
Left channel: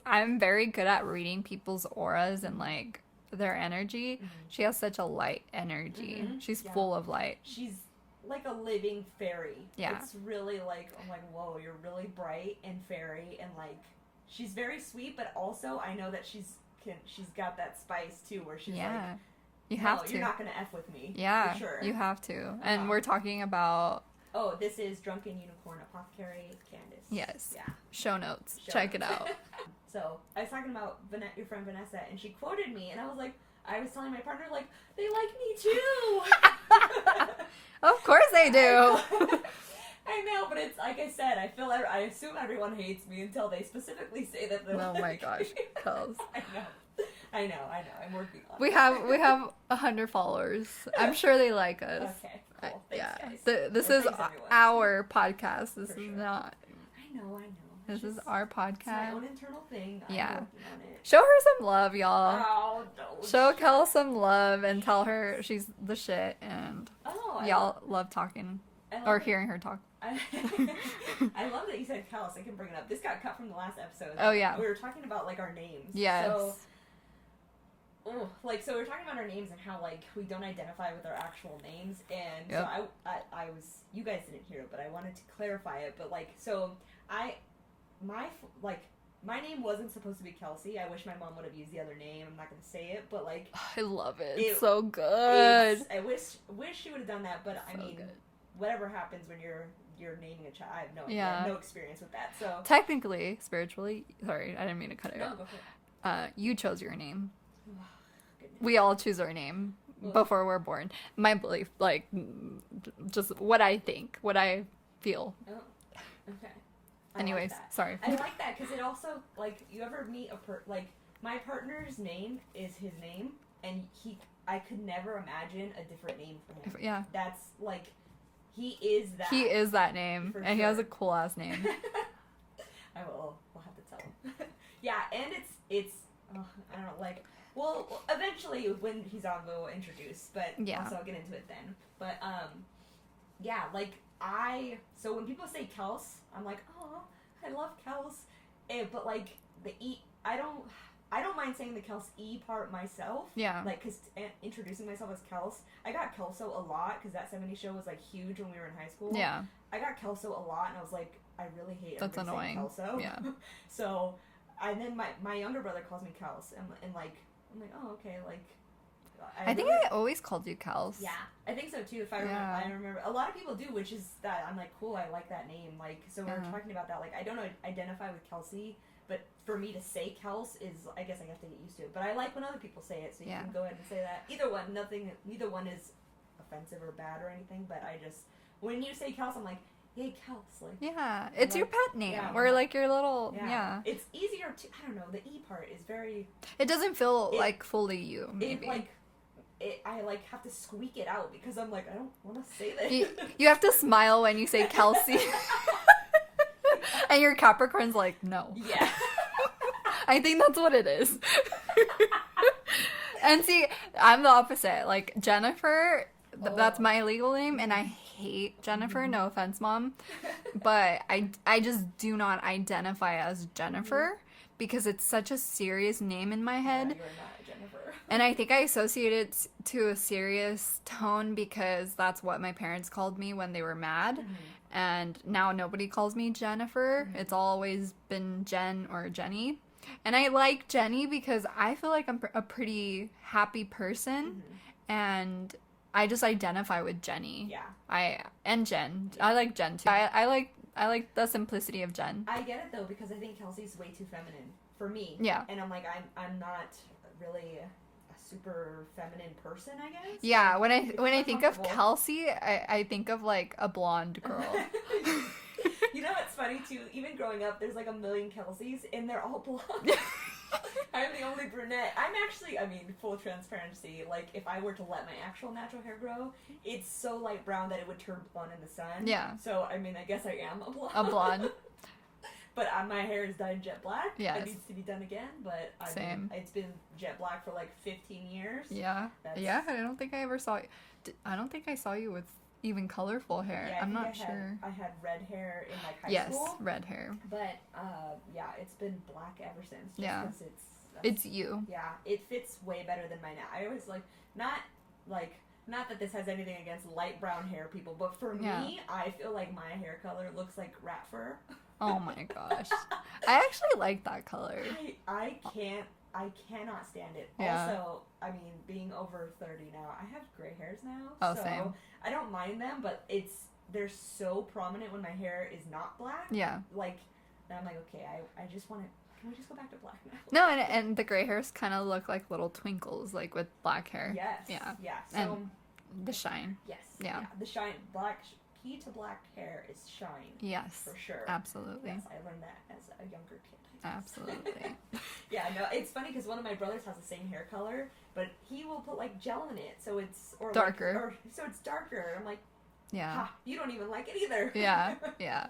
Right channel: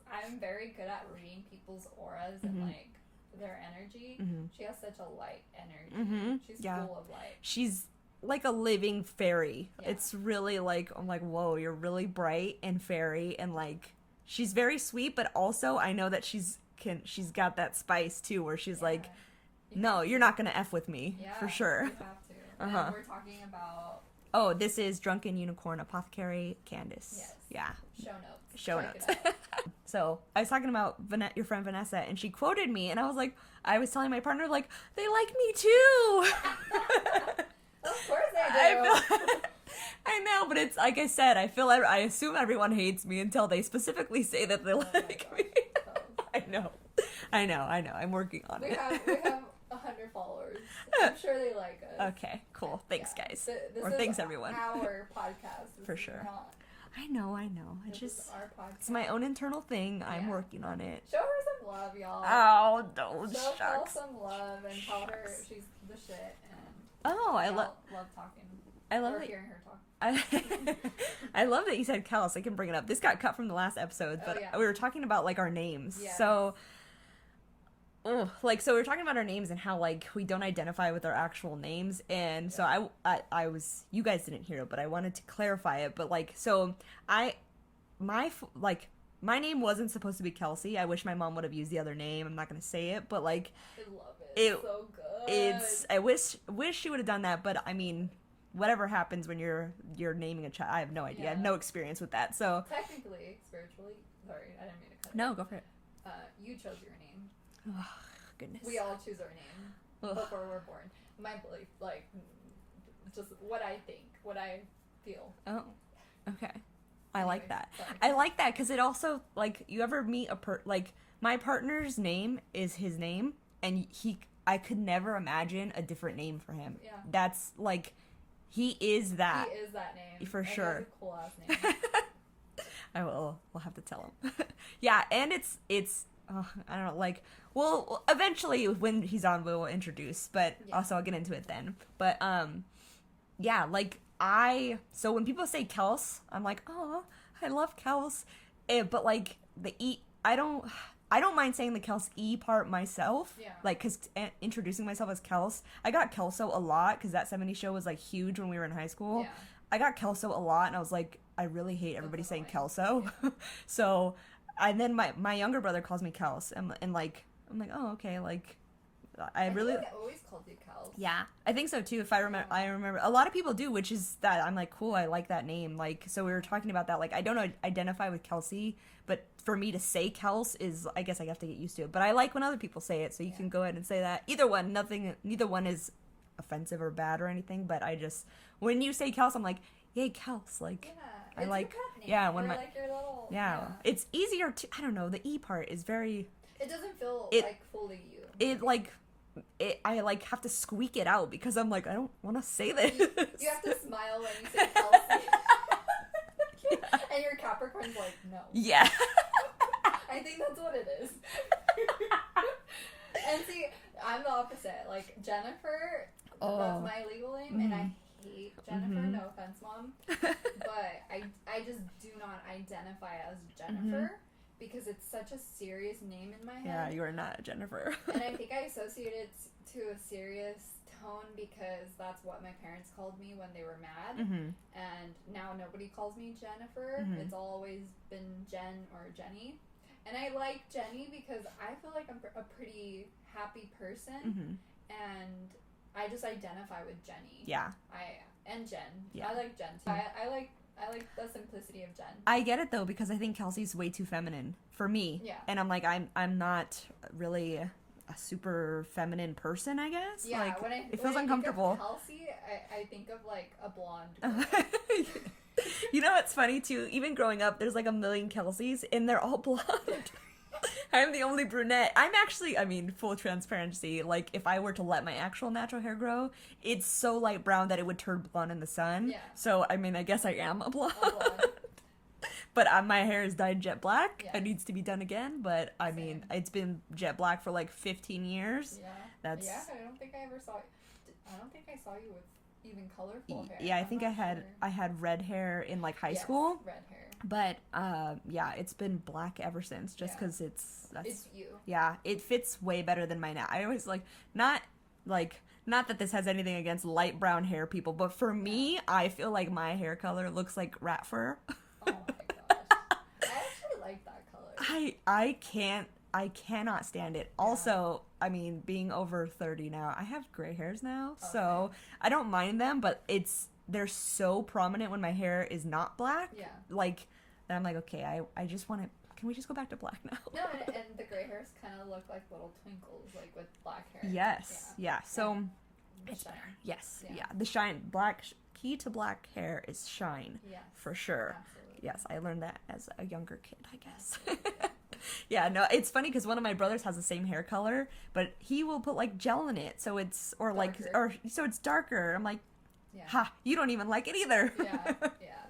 I'm very good at reading people's auras and like their energy. She has such a light energy. She's full of light. She's like a living fairy. Yeah. It's really like, I'm like, whoa, you're really bright and fairy, and like she's very sweet, but also I know that she's got that spice too, where she's like, you're not gonna F with me. Yeah, for sure. You have to. And we're talking about this is Drunken Unicorn Apothecary Candace. Yes. Yeah. Show notes. Check it out. So I was talking about your friend Vanessa, and she quoted me, and I was like, I was telling my partner, like, they like me too. Of course they do. I know, but it's like I said, I assume everyone hates me until they specifically say that they like me. Oh my gosh, Kels. I know. I know. I'm working on it. We have 100 followers. I'm sure they like us. Okay, cool. Thanks, guys. This is thanks, everyone. our podcast. This For is sure. not. I know. This is our podcast. It's my own internal thing. I'm working on it. Show her some love, y'all. Oh, no. Show Kel some love and tell her she's the shit, and y'all love talking hearing her talk. I love that you said Kelsey. I can bring it up. This got cut from the last episode. Oh, yeah. We were talking about, like, our names. Yes. So we were talking about our names and how, like, we don't identify with our actual names. And so I was, you guys didn't hear it, but I wanted to clarify it. But, like, so my name wasn't supposed to be Kelsey. I wish my mom would have used the other name. I'm not going to say it, but, like, I love it. It's so good. I wish she would have done that, but I mean, whatever happens when you're naming a child, I have no idea. I have no experience with that. So technically, spiritually, sorry, I didn't mean to cut it. No, go for it. You chose your name. Oh, goodness. We all choose our name before we're born. My belief, like, just what I think, what I feel. Oh, okay. Anyways, like that. Sorry. I like that because it also, like, you ever meet like, my partner's name is his name, and I could never imagine a different name for him. Yeah. That's, like, he is that. He is that name. For and sure. He has a cool ass name. We'll have to tell him. Yeah, and it's I don't know, like, well, eventually when he's on we'll introduce, but also I'll get into it then. But yeah, like, so when people say Kels, I'm like, oh, I love Kels. But, like, the E, I don't mind saying the Kels E part myself. Yeah. Like, because introducing myself as Kels, I got Kelso a lot because that 70s show was, like, huge when we were in high school. Yeah. I got Kelso a lot, and I was like, I really hate everybody saying Kelso. Yeah. So, and then my younger brother calls me Kels, and like, I'm like, oh, okay, like, I think I always called you Kels. Yeah, I think so too. If I remember, I remember a lot of people do, which is that I'm like, cool, I like that name. Like, so we were talking about that. Like, I don't identify with Kelsey, but for me to say Kels is, I guess I have to get used to it. But I like when other people say it, so you can go ahead and say that. Neither one is offensive or bad or anything. But I just, when you say Kels, I'm like, hey, Kels, like, it's your pet name. Yeah, or like your little It's easier to, I don't know, the E part is very. It doesn't feel like fully you. Maybe. I like have to squeak it out because I'm like, I don't want to say this. You have to smile when you say Kelsey. And your Capricorn's like, no. Yeah. I think that's what it is. And see, I'm the opposite. Like, Jennifer, that's my legal name, and I hate Jennifer. No offense, Mom. But I just do not identify as Jennifer. Because it's such a serious name in my head. Yeah, you are not a Jennifer. And I think I associate it to a serious tone because that's what my parents called me when they were mad. And now nobody calls me Jennifer. It's always been Jen or Jenny. And I like Jenny because I feel like I'm a pretty happy person. And I just identify with Jenny. Yeah. And Jen. Yeah. I like Jen too. I like the simplicity of Jen. I get it though because I think Kelsey's way too feminine for me. Yeah. And I'm like, I'm not really a super feminine person, I guess. Yeah, like, when I think of Kelsey, I think of like a blonde girl. You know what's funny too? Even growing up, there's like a million Kelseys and they're all blonde. I'm the only brunette. I'm actually, I mean, full transparency, like, if I were to let my actual natural hair grow, it's so light brown that it would turn blonde in the sun. Yeah. So, I mean, I guess I am a blonde. A blonde. But my hair is dyed jet black. Yes. It needs to be done again, but I mean, it's been jet black for like 15 years. Yeah. Yeah, I don't think I ever saw you. I don't think I saw you with even colorful hair. Yeah, I'm think not sure. I had red hair in like high school. Red hair. But yeah, it's been black ever since. Just because it's you. Yeah, it fits way better than mine now. I always not that this has anything against light brown hair people, but for me, I feel like my hair color looks like rat fur. Oh my gosh. I actually like that color. I cannot stand it. Yeah. Also, I mean, being over 30 now, I have gray hairs now, so same. I don't mind them, but they're so prominent when my hair is not black. Yeah. Like, that I'm like, okay, I just want to, can we just go back to black now? No, and the gray hairs kind of look like little twinkles, like with black hair. Yes. Yeah. Yeah. So, and the shine. Yes. Yeah. The shine, black key to black hair is shine. Yes. For sure. Absolutely. Yes, I learned that as a younger kid, I guess. Absolutely. Yeah, no, it's funny because one of my brothers has the same hair color, but he will put like gel in it, so it's darker. So it's darker. I'm like, yeah, ha, you don't even like it either. Yeah, yeah.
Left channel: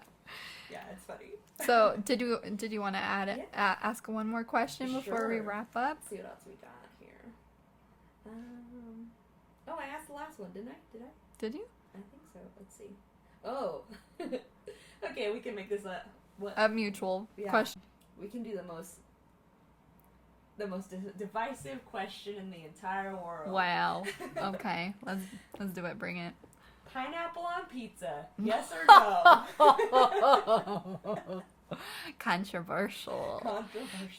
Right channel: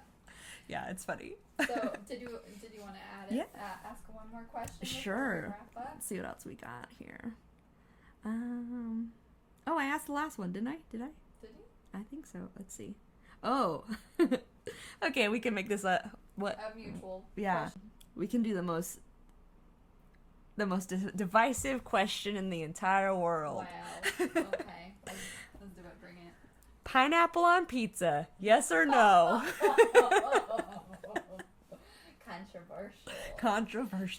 Yeah, it's funny. So did you want to ask one more question before we wrap up? Let's see what else we got here. Oh, I asked the last one, didn't I? Did you? I think so. Let's see. Oh, okay. We can make this a mutual yeah. question. We can do the most divisive question in the entire world. Wow. Okay, let's do it. Bring it. Pineapple on pizza, yes or no? Controversial.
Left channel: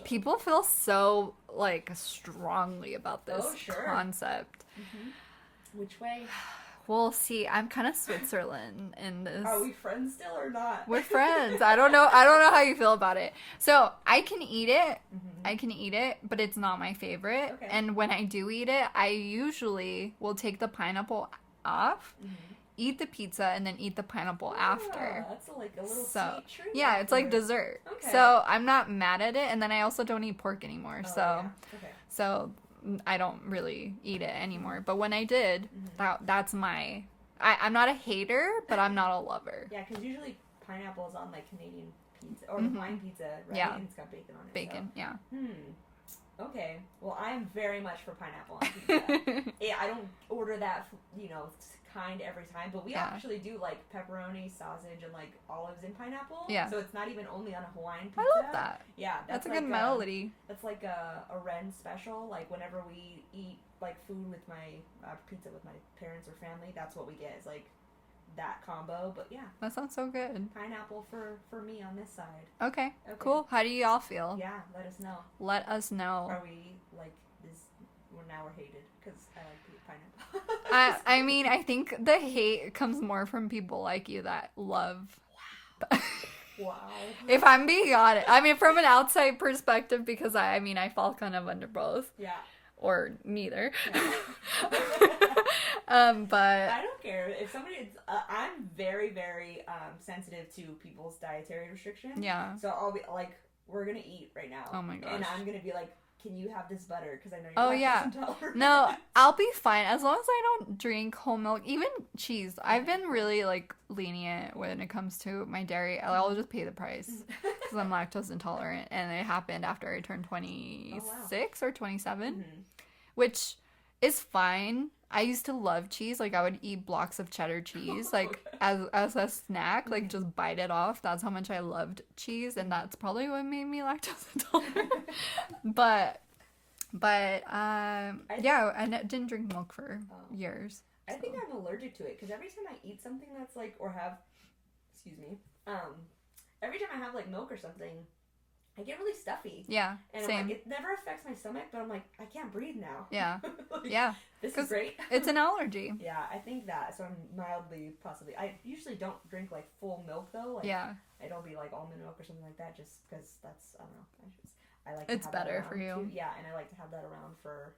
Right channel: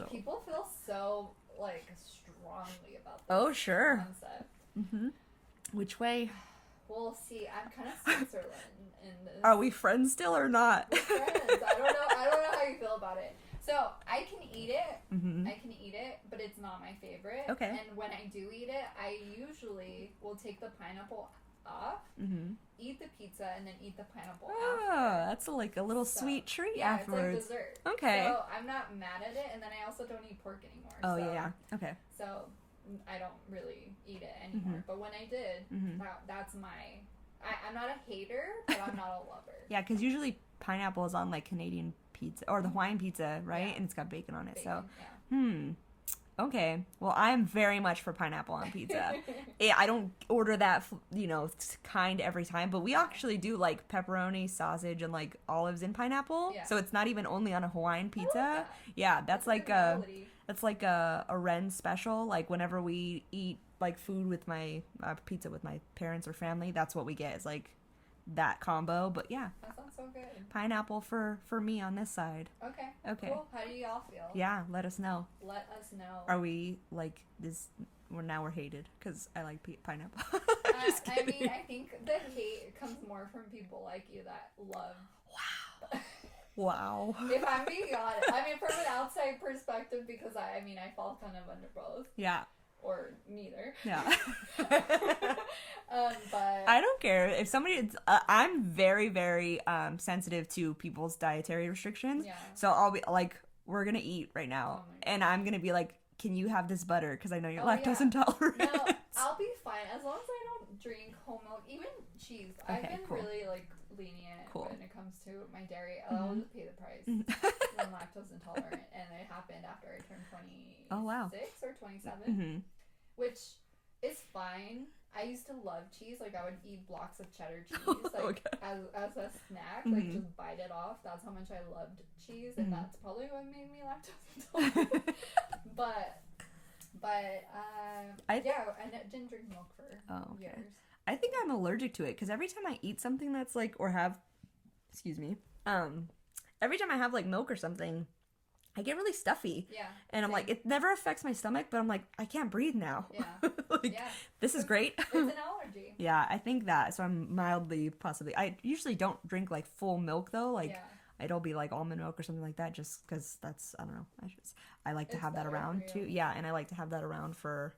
People feel so like strongly about this concept. Mm-hmm. Which way? We'll see. I'm kind of Switzerland in this. Are we friends still or not? We're friends. I don't know how you feel about it. So I can eat it. Mm-hmm. I can eat it, but it's not my favorite. Okay. And when I do eat it, I usually will take the pineapple off, eat the pizza, and then eat the pineapple after. That's like a little sweet treat. Yeah, afterwards. it's like dessert. Okay. So I'm not mad at it, and then I also don't eat pork anymore. Oh, so yeah. Okay. So I don't really eat it anymore. But when I did, that's my... I'm not a hater, but I'm not a lover. Yeah, because usually pineapple is on like Canadian pizza or Hawaiian pizza, right? Yeah. And it's got bacon on it. Bacon, so. yeah. Okay. Well, I'm very much for pineapple on pizza. I don't order that, kind every time, but we actually do like pepperoni, sausage, and like olives in pineapple. Yeah. So it's not even only on a Hawaiian pizza. I love that. Yeah, that's like a good melody. That's like a Ren special. Like whenever we eat like food with my pizza with my parents or family, that's what we get is like that combo. But yeah, that sounds so good. Pineapple for me on this side. Okay, cool. How do y'all feel? Yeah, let us know. Are we like this? We're hated because I like pineapple. I mean, I think the hate comes more from people like you that love. Wow. If I'm being honest, I mean, from an outside perspective, because I fall kind of under both. Yeah. Or neither. Yeah. But I don't care if somebody. I'm very, very sensitive to people's dietary restrictions. Yeah. So I'll be like, we're gonna eat right now. Oh my gosh. And I'm gonna be like, can you have this butter? Because I know you're lactose intolerant. No, I'll be fine as long as I don't drink whole milk, even cheese. Okay, I've been really like lenient when it comes to my dairy. I'll just pay the price because I'm lactose intolerant, and it happened after I turned 26 or 27, which is fine. I used to love cheese. Like I would eat blocks of cheddar cheese, like as a snack, like just bite it off. That's how much I loved cheese, and that's probably what made me lactose intolerant. but I didn't drink milk for years. I think I'm allergic to it because every time I eat something that's like every time I have like milk or something, I get really stuffy. Yeah. And same. I'm like, it never affects my stomach, but I'm like, I can't breathe now. Yeah. Like, yeah. This is great. It's an allergy. Yeah, I think that. So I'm mildly, possibly. I usually don't drink like full milk though. Like, I don't be like almond milk or something like that just because that's, I don't know. I like to have that around too. Yeah, and I like to have that around for,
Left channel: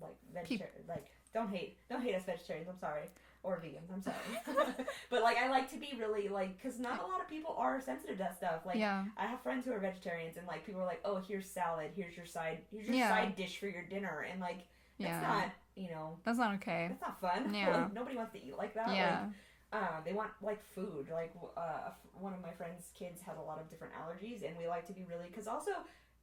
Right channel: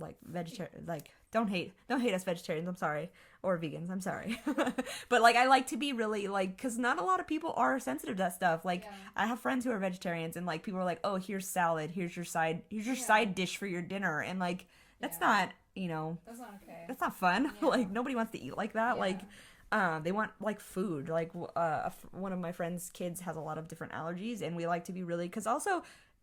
like vegetarian. Like, don't hate us vegetarians. I'm sorry. Or vegans, I'm sorry. But, like, I like to be really, like, because not a lot of people are sensitive to that stuff. Like, I have friends who are vegetarians, and, like, people are like, oh, here's salad, here's your side dish for your dinner. And, like, that's not, That's not okay. That's not fun. Yeah. Like, nobody wants to eat like that. Yeah. Like, they want, like, food. Like, one of my friend's kids has a lot of different allergies, and we like to be really, because also,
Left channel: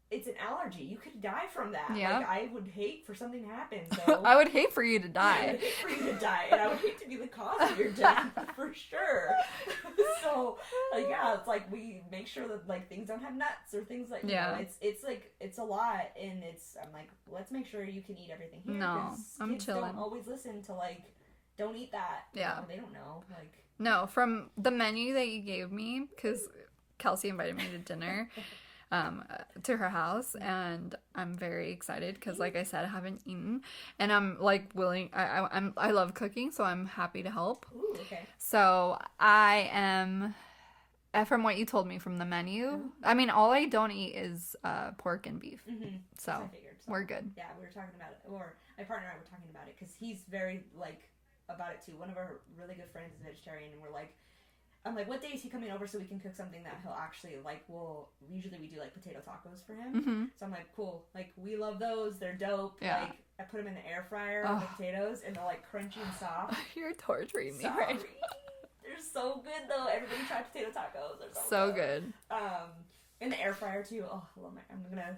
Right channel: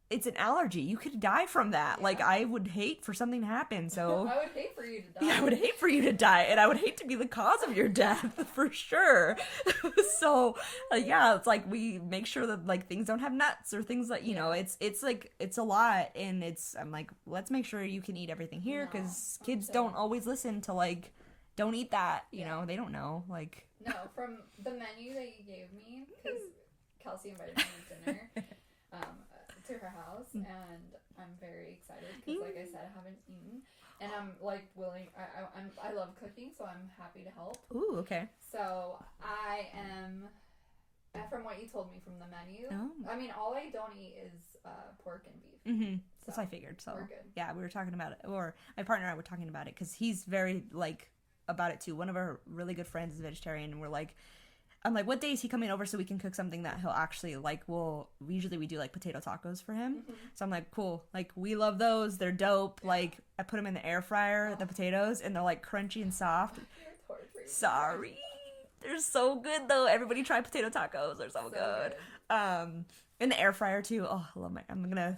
it's an allergy. You could die from that. Yeah. Like, I would hate for something to happen, so... I would hate for you to die. I would hate for you to die, and I would hate to be the cause of your death, for sure. So, yeah, it's like, we make sure that, like, things don't have nuts, or things like, you know, it's like, it's a lot, and I'm like, let's make sure you can eat everything here, because kids don't always listen to, like, don't eat that, you know, they don't know, like... No, from the menu that you gave me, because Kelsey invited me to dinner... to her house, and I'm very excited because, like I said, I haven't eaten, and I'm like willing. I love cooking, so I'm happy to help. Ooh, okay. So I am, from what you told me from the menu. I mean, all I don't eat is pork and beef. So that's what I figured. So we're good. Yeah, we were talking about it, or my partner and I were talking about it because he's very like about it too. One of our really good friends is vegetarian, and I'm like, what day is he coming over so we can cook something that he'll actually like? Usually we do like potato tacos for him. Mm-hmm. So I'm like, cool. Like, we love those. They're dope. Yeah. Like, I put them in the air fryer with the potatoes, and they're like crunchy and soft. You're torturing me. Sorry. They're so good though. Everybody try potato tacos. They're so good. In the air fryer too. Oh, I love I'm gonna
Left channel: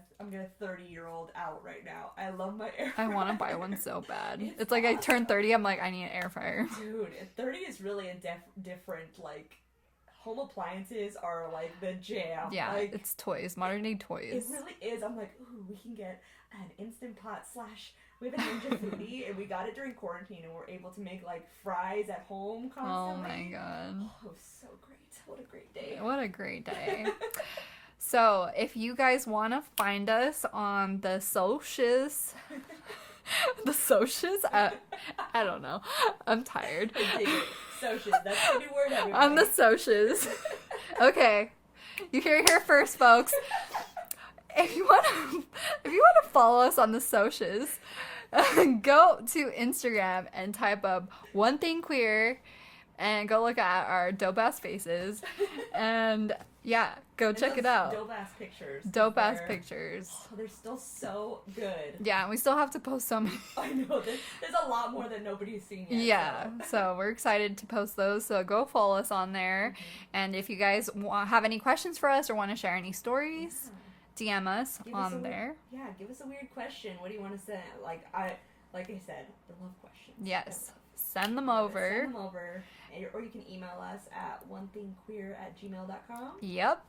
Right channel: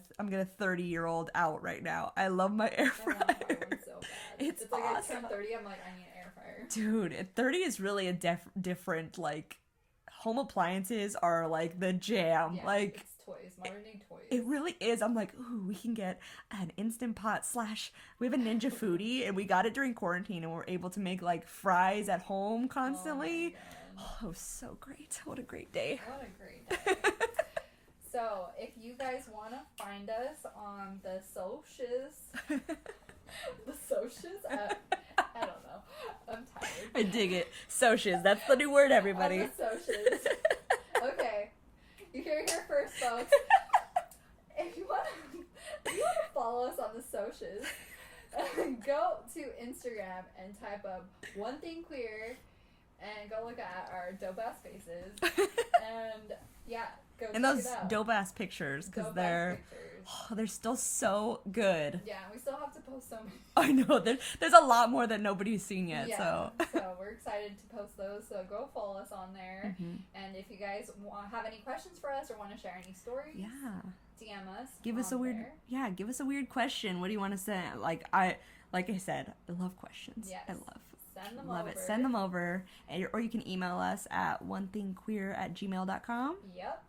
30-year-old out right now. I love my air fryer. I want to buy one so bad. It's like awesome. I turned 30. I'm like, I need an air fryer. Dude, 30 is really a different like. Home appliances are like the jam. Yeah, like it's toys, modern day toys. It really is. I'm like, ooh, we can get an Instant Pot / we have a Ninja Foodie, and we got it during quarantine, and we're able to make like fries at home constantly. Oh my god. Oh, it was so great. What a great day. What a great day. So, if you guys want to find us on the socials, the socials? I don't know. I'm tired. I dig it. Socials. That's the new word, everybody. On the socials. Okay. You hear it here first, folks. If you want to follow us on the socials, go to Instagram and type up One Thing Queer and go look at our dope ass faces. And yeah, go check it out. Dope ass pictures. Dope ass pictures. Oh, they're still so good. Yeah, and we still have to post so many. I know. There's a lot more that nobody's seen yet. Yeah. So we're excited to post those. So go follow us on there. Mm-hmm. And if you guys have any questions for us or want to share any stories, DM us on there. Give us a weird question. What do you want to say? Like I said, I love questions. Yes. Send them over. Send them over. Or you can email us at onethingqueer@gmail.com. Yep.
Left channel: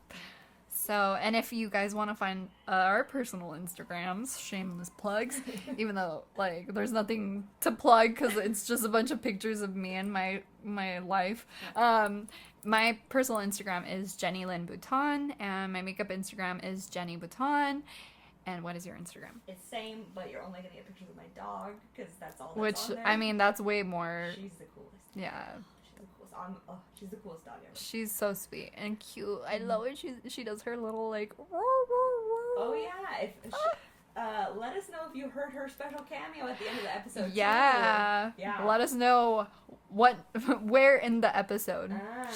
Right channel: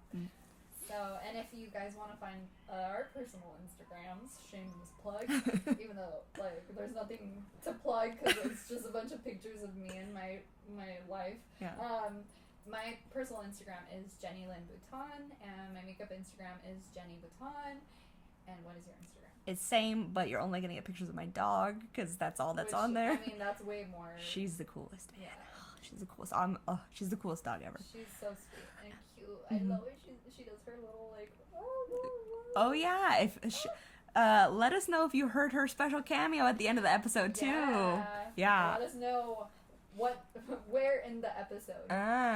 So, and if you guys want to find our personal Instagrams, shameless plugs, even though, like, there's nothing to plug because it's just a bunch of pictures of me and my life. Yeah. My personal Instagram is Jenny Lynn Bouton, and my makeup Instagram is Jenny Bouton. And what is your Instagram? It's same, but you're only going to get pictures of my dog, because that's all that's on there. I mean, that's way more... She's the coolest. Yeah. She's the coolest. She's the coolest dog ever. She's so sweet and cute. Mm-hmm. I love it. She does her little, like... Oh, yeah. Let us know if you heard her special cameo at the end of the episode, too. Yeah. Let us know where in the episode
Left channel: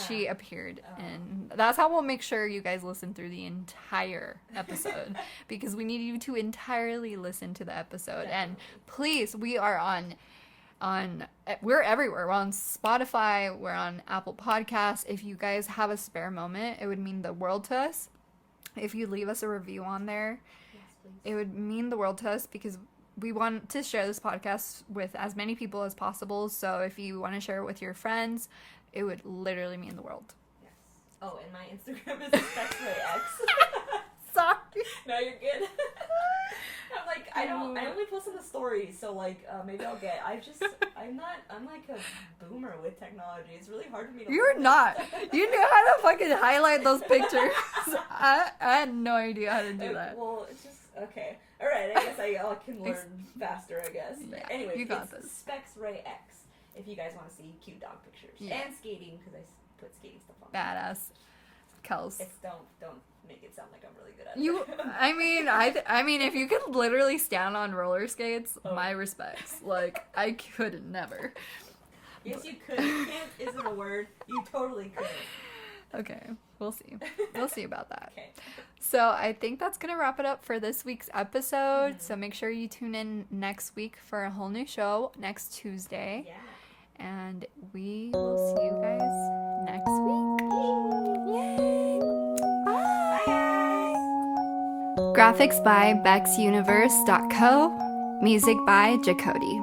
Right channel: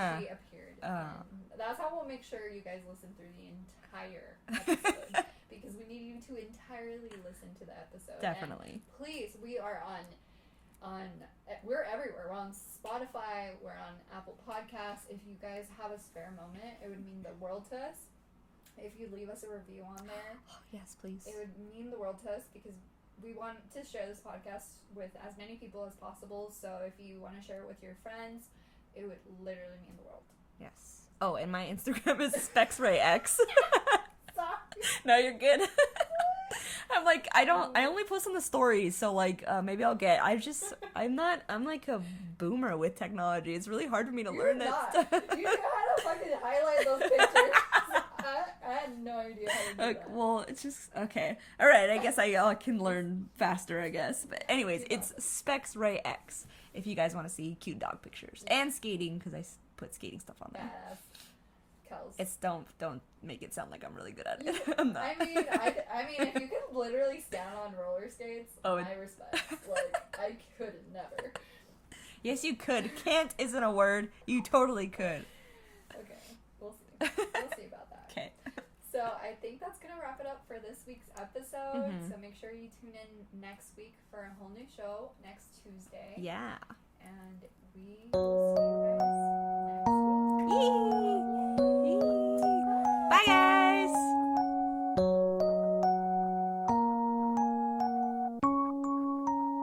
she appeared in. That's how we'll make sure you guys listen through the entire episode, because we need you to entirely listen to the episode. Definitely. And please, we are we're everywhere. We're on Spotify, we're on Apple Podcasts. If you guys have a spare moment, it would mean the world to us if you leave us a review on there. Yes, please. It would mean the world to us, because we want to share this podcast with as many people as possible. So if you want to share it with your friends, it would literally mean the world. Yes. Oh, and my Instagram is SpexRayX. Sorry. No, you're good. I'm like, I only post on the stories, so like, maybe I'm like a boomer with technology. It's really hard for me to learn. You're not. You knew how to fucking highlight those pictures. I had no idea how to do that. Well, it's just, okay. Alright, I guess I can learn faster, I guess. But anyways, it's SpexRayX if you guys want to see cute dog pictures. Yeah. And skating, because I put skating stuff on there. Badass. Kels. It's don't make it sound like I'm really good at it. I mean, if you could literally stand on roller skates, my respects. Like, I could never. Yes, you could. Can't isn't a word. You totally could. Okay, we'll see. We'll see about that. Okay. So I think that's gonna wrap it up for this week's episode. Mm-hmm. So make sure you tune in next week for a whole new show next Tuesday. Yeah. And we will see you guys next week. Yay! Bye, guys! Graphics by BexUniverse.co. Music by Jacody.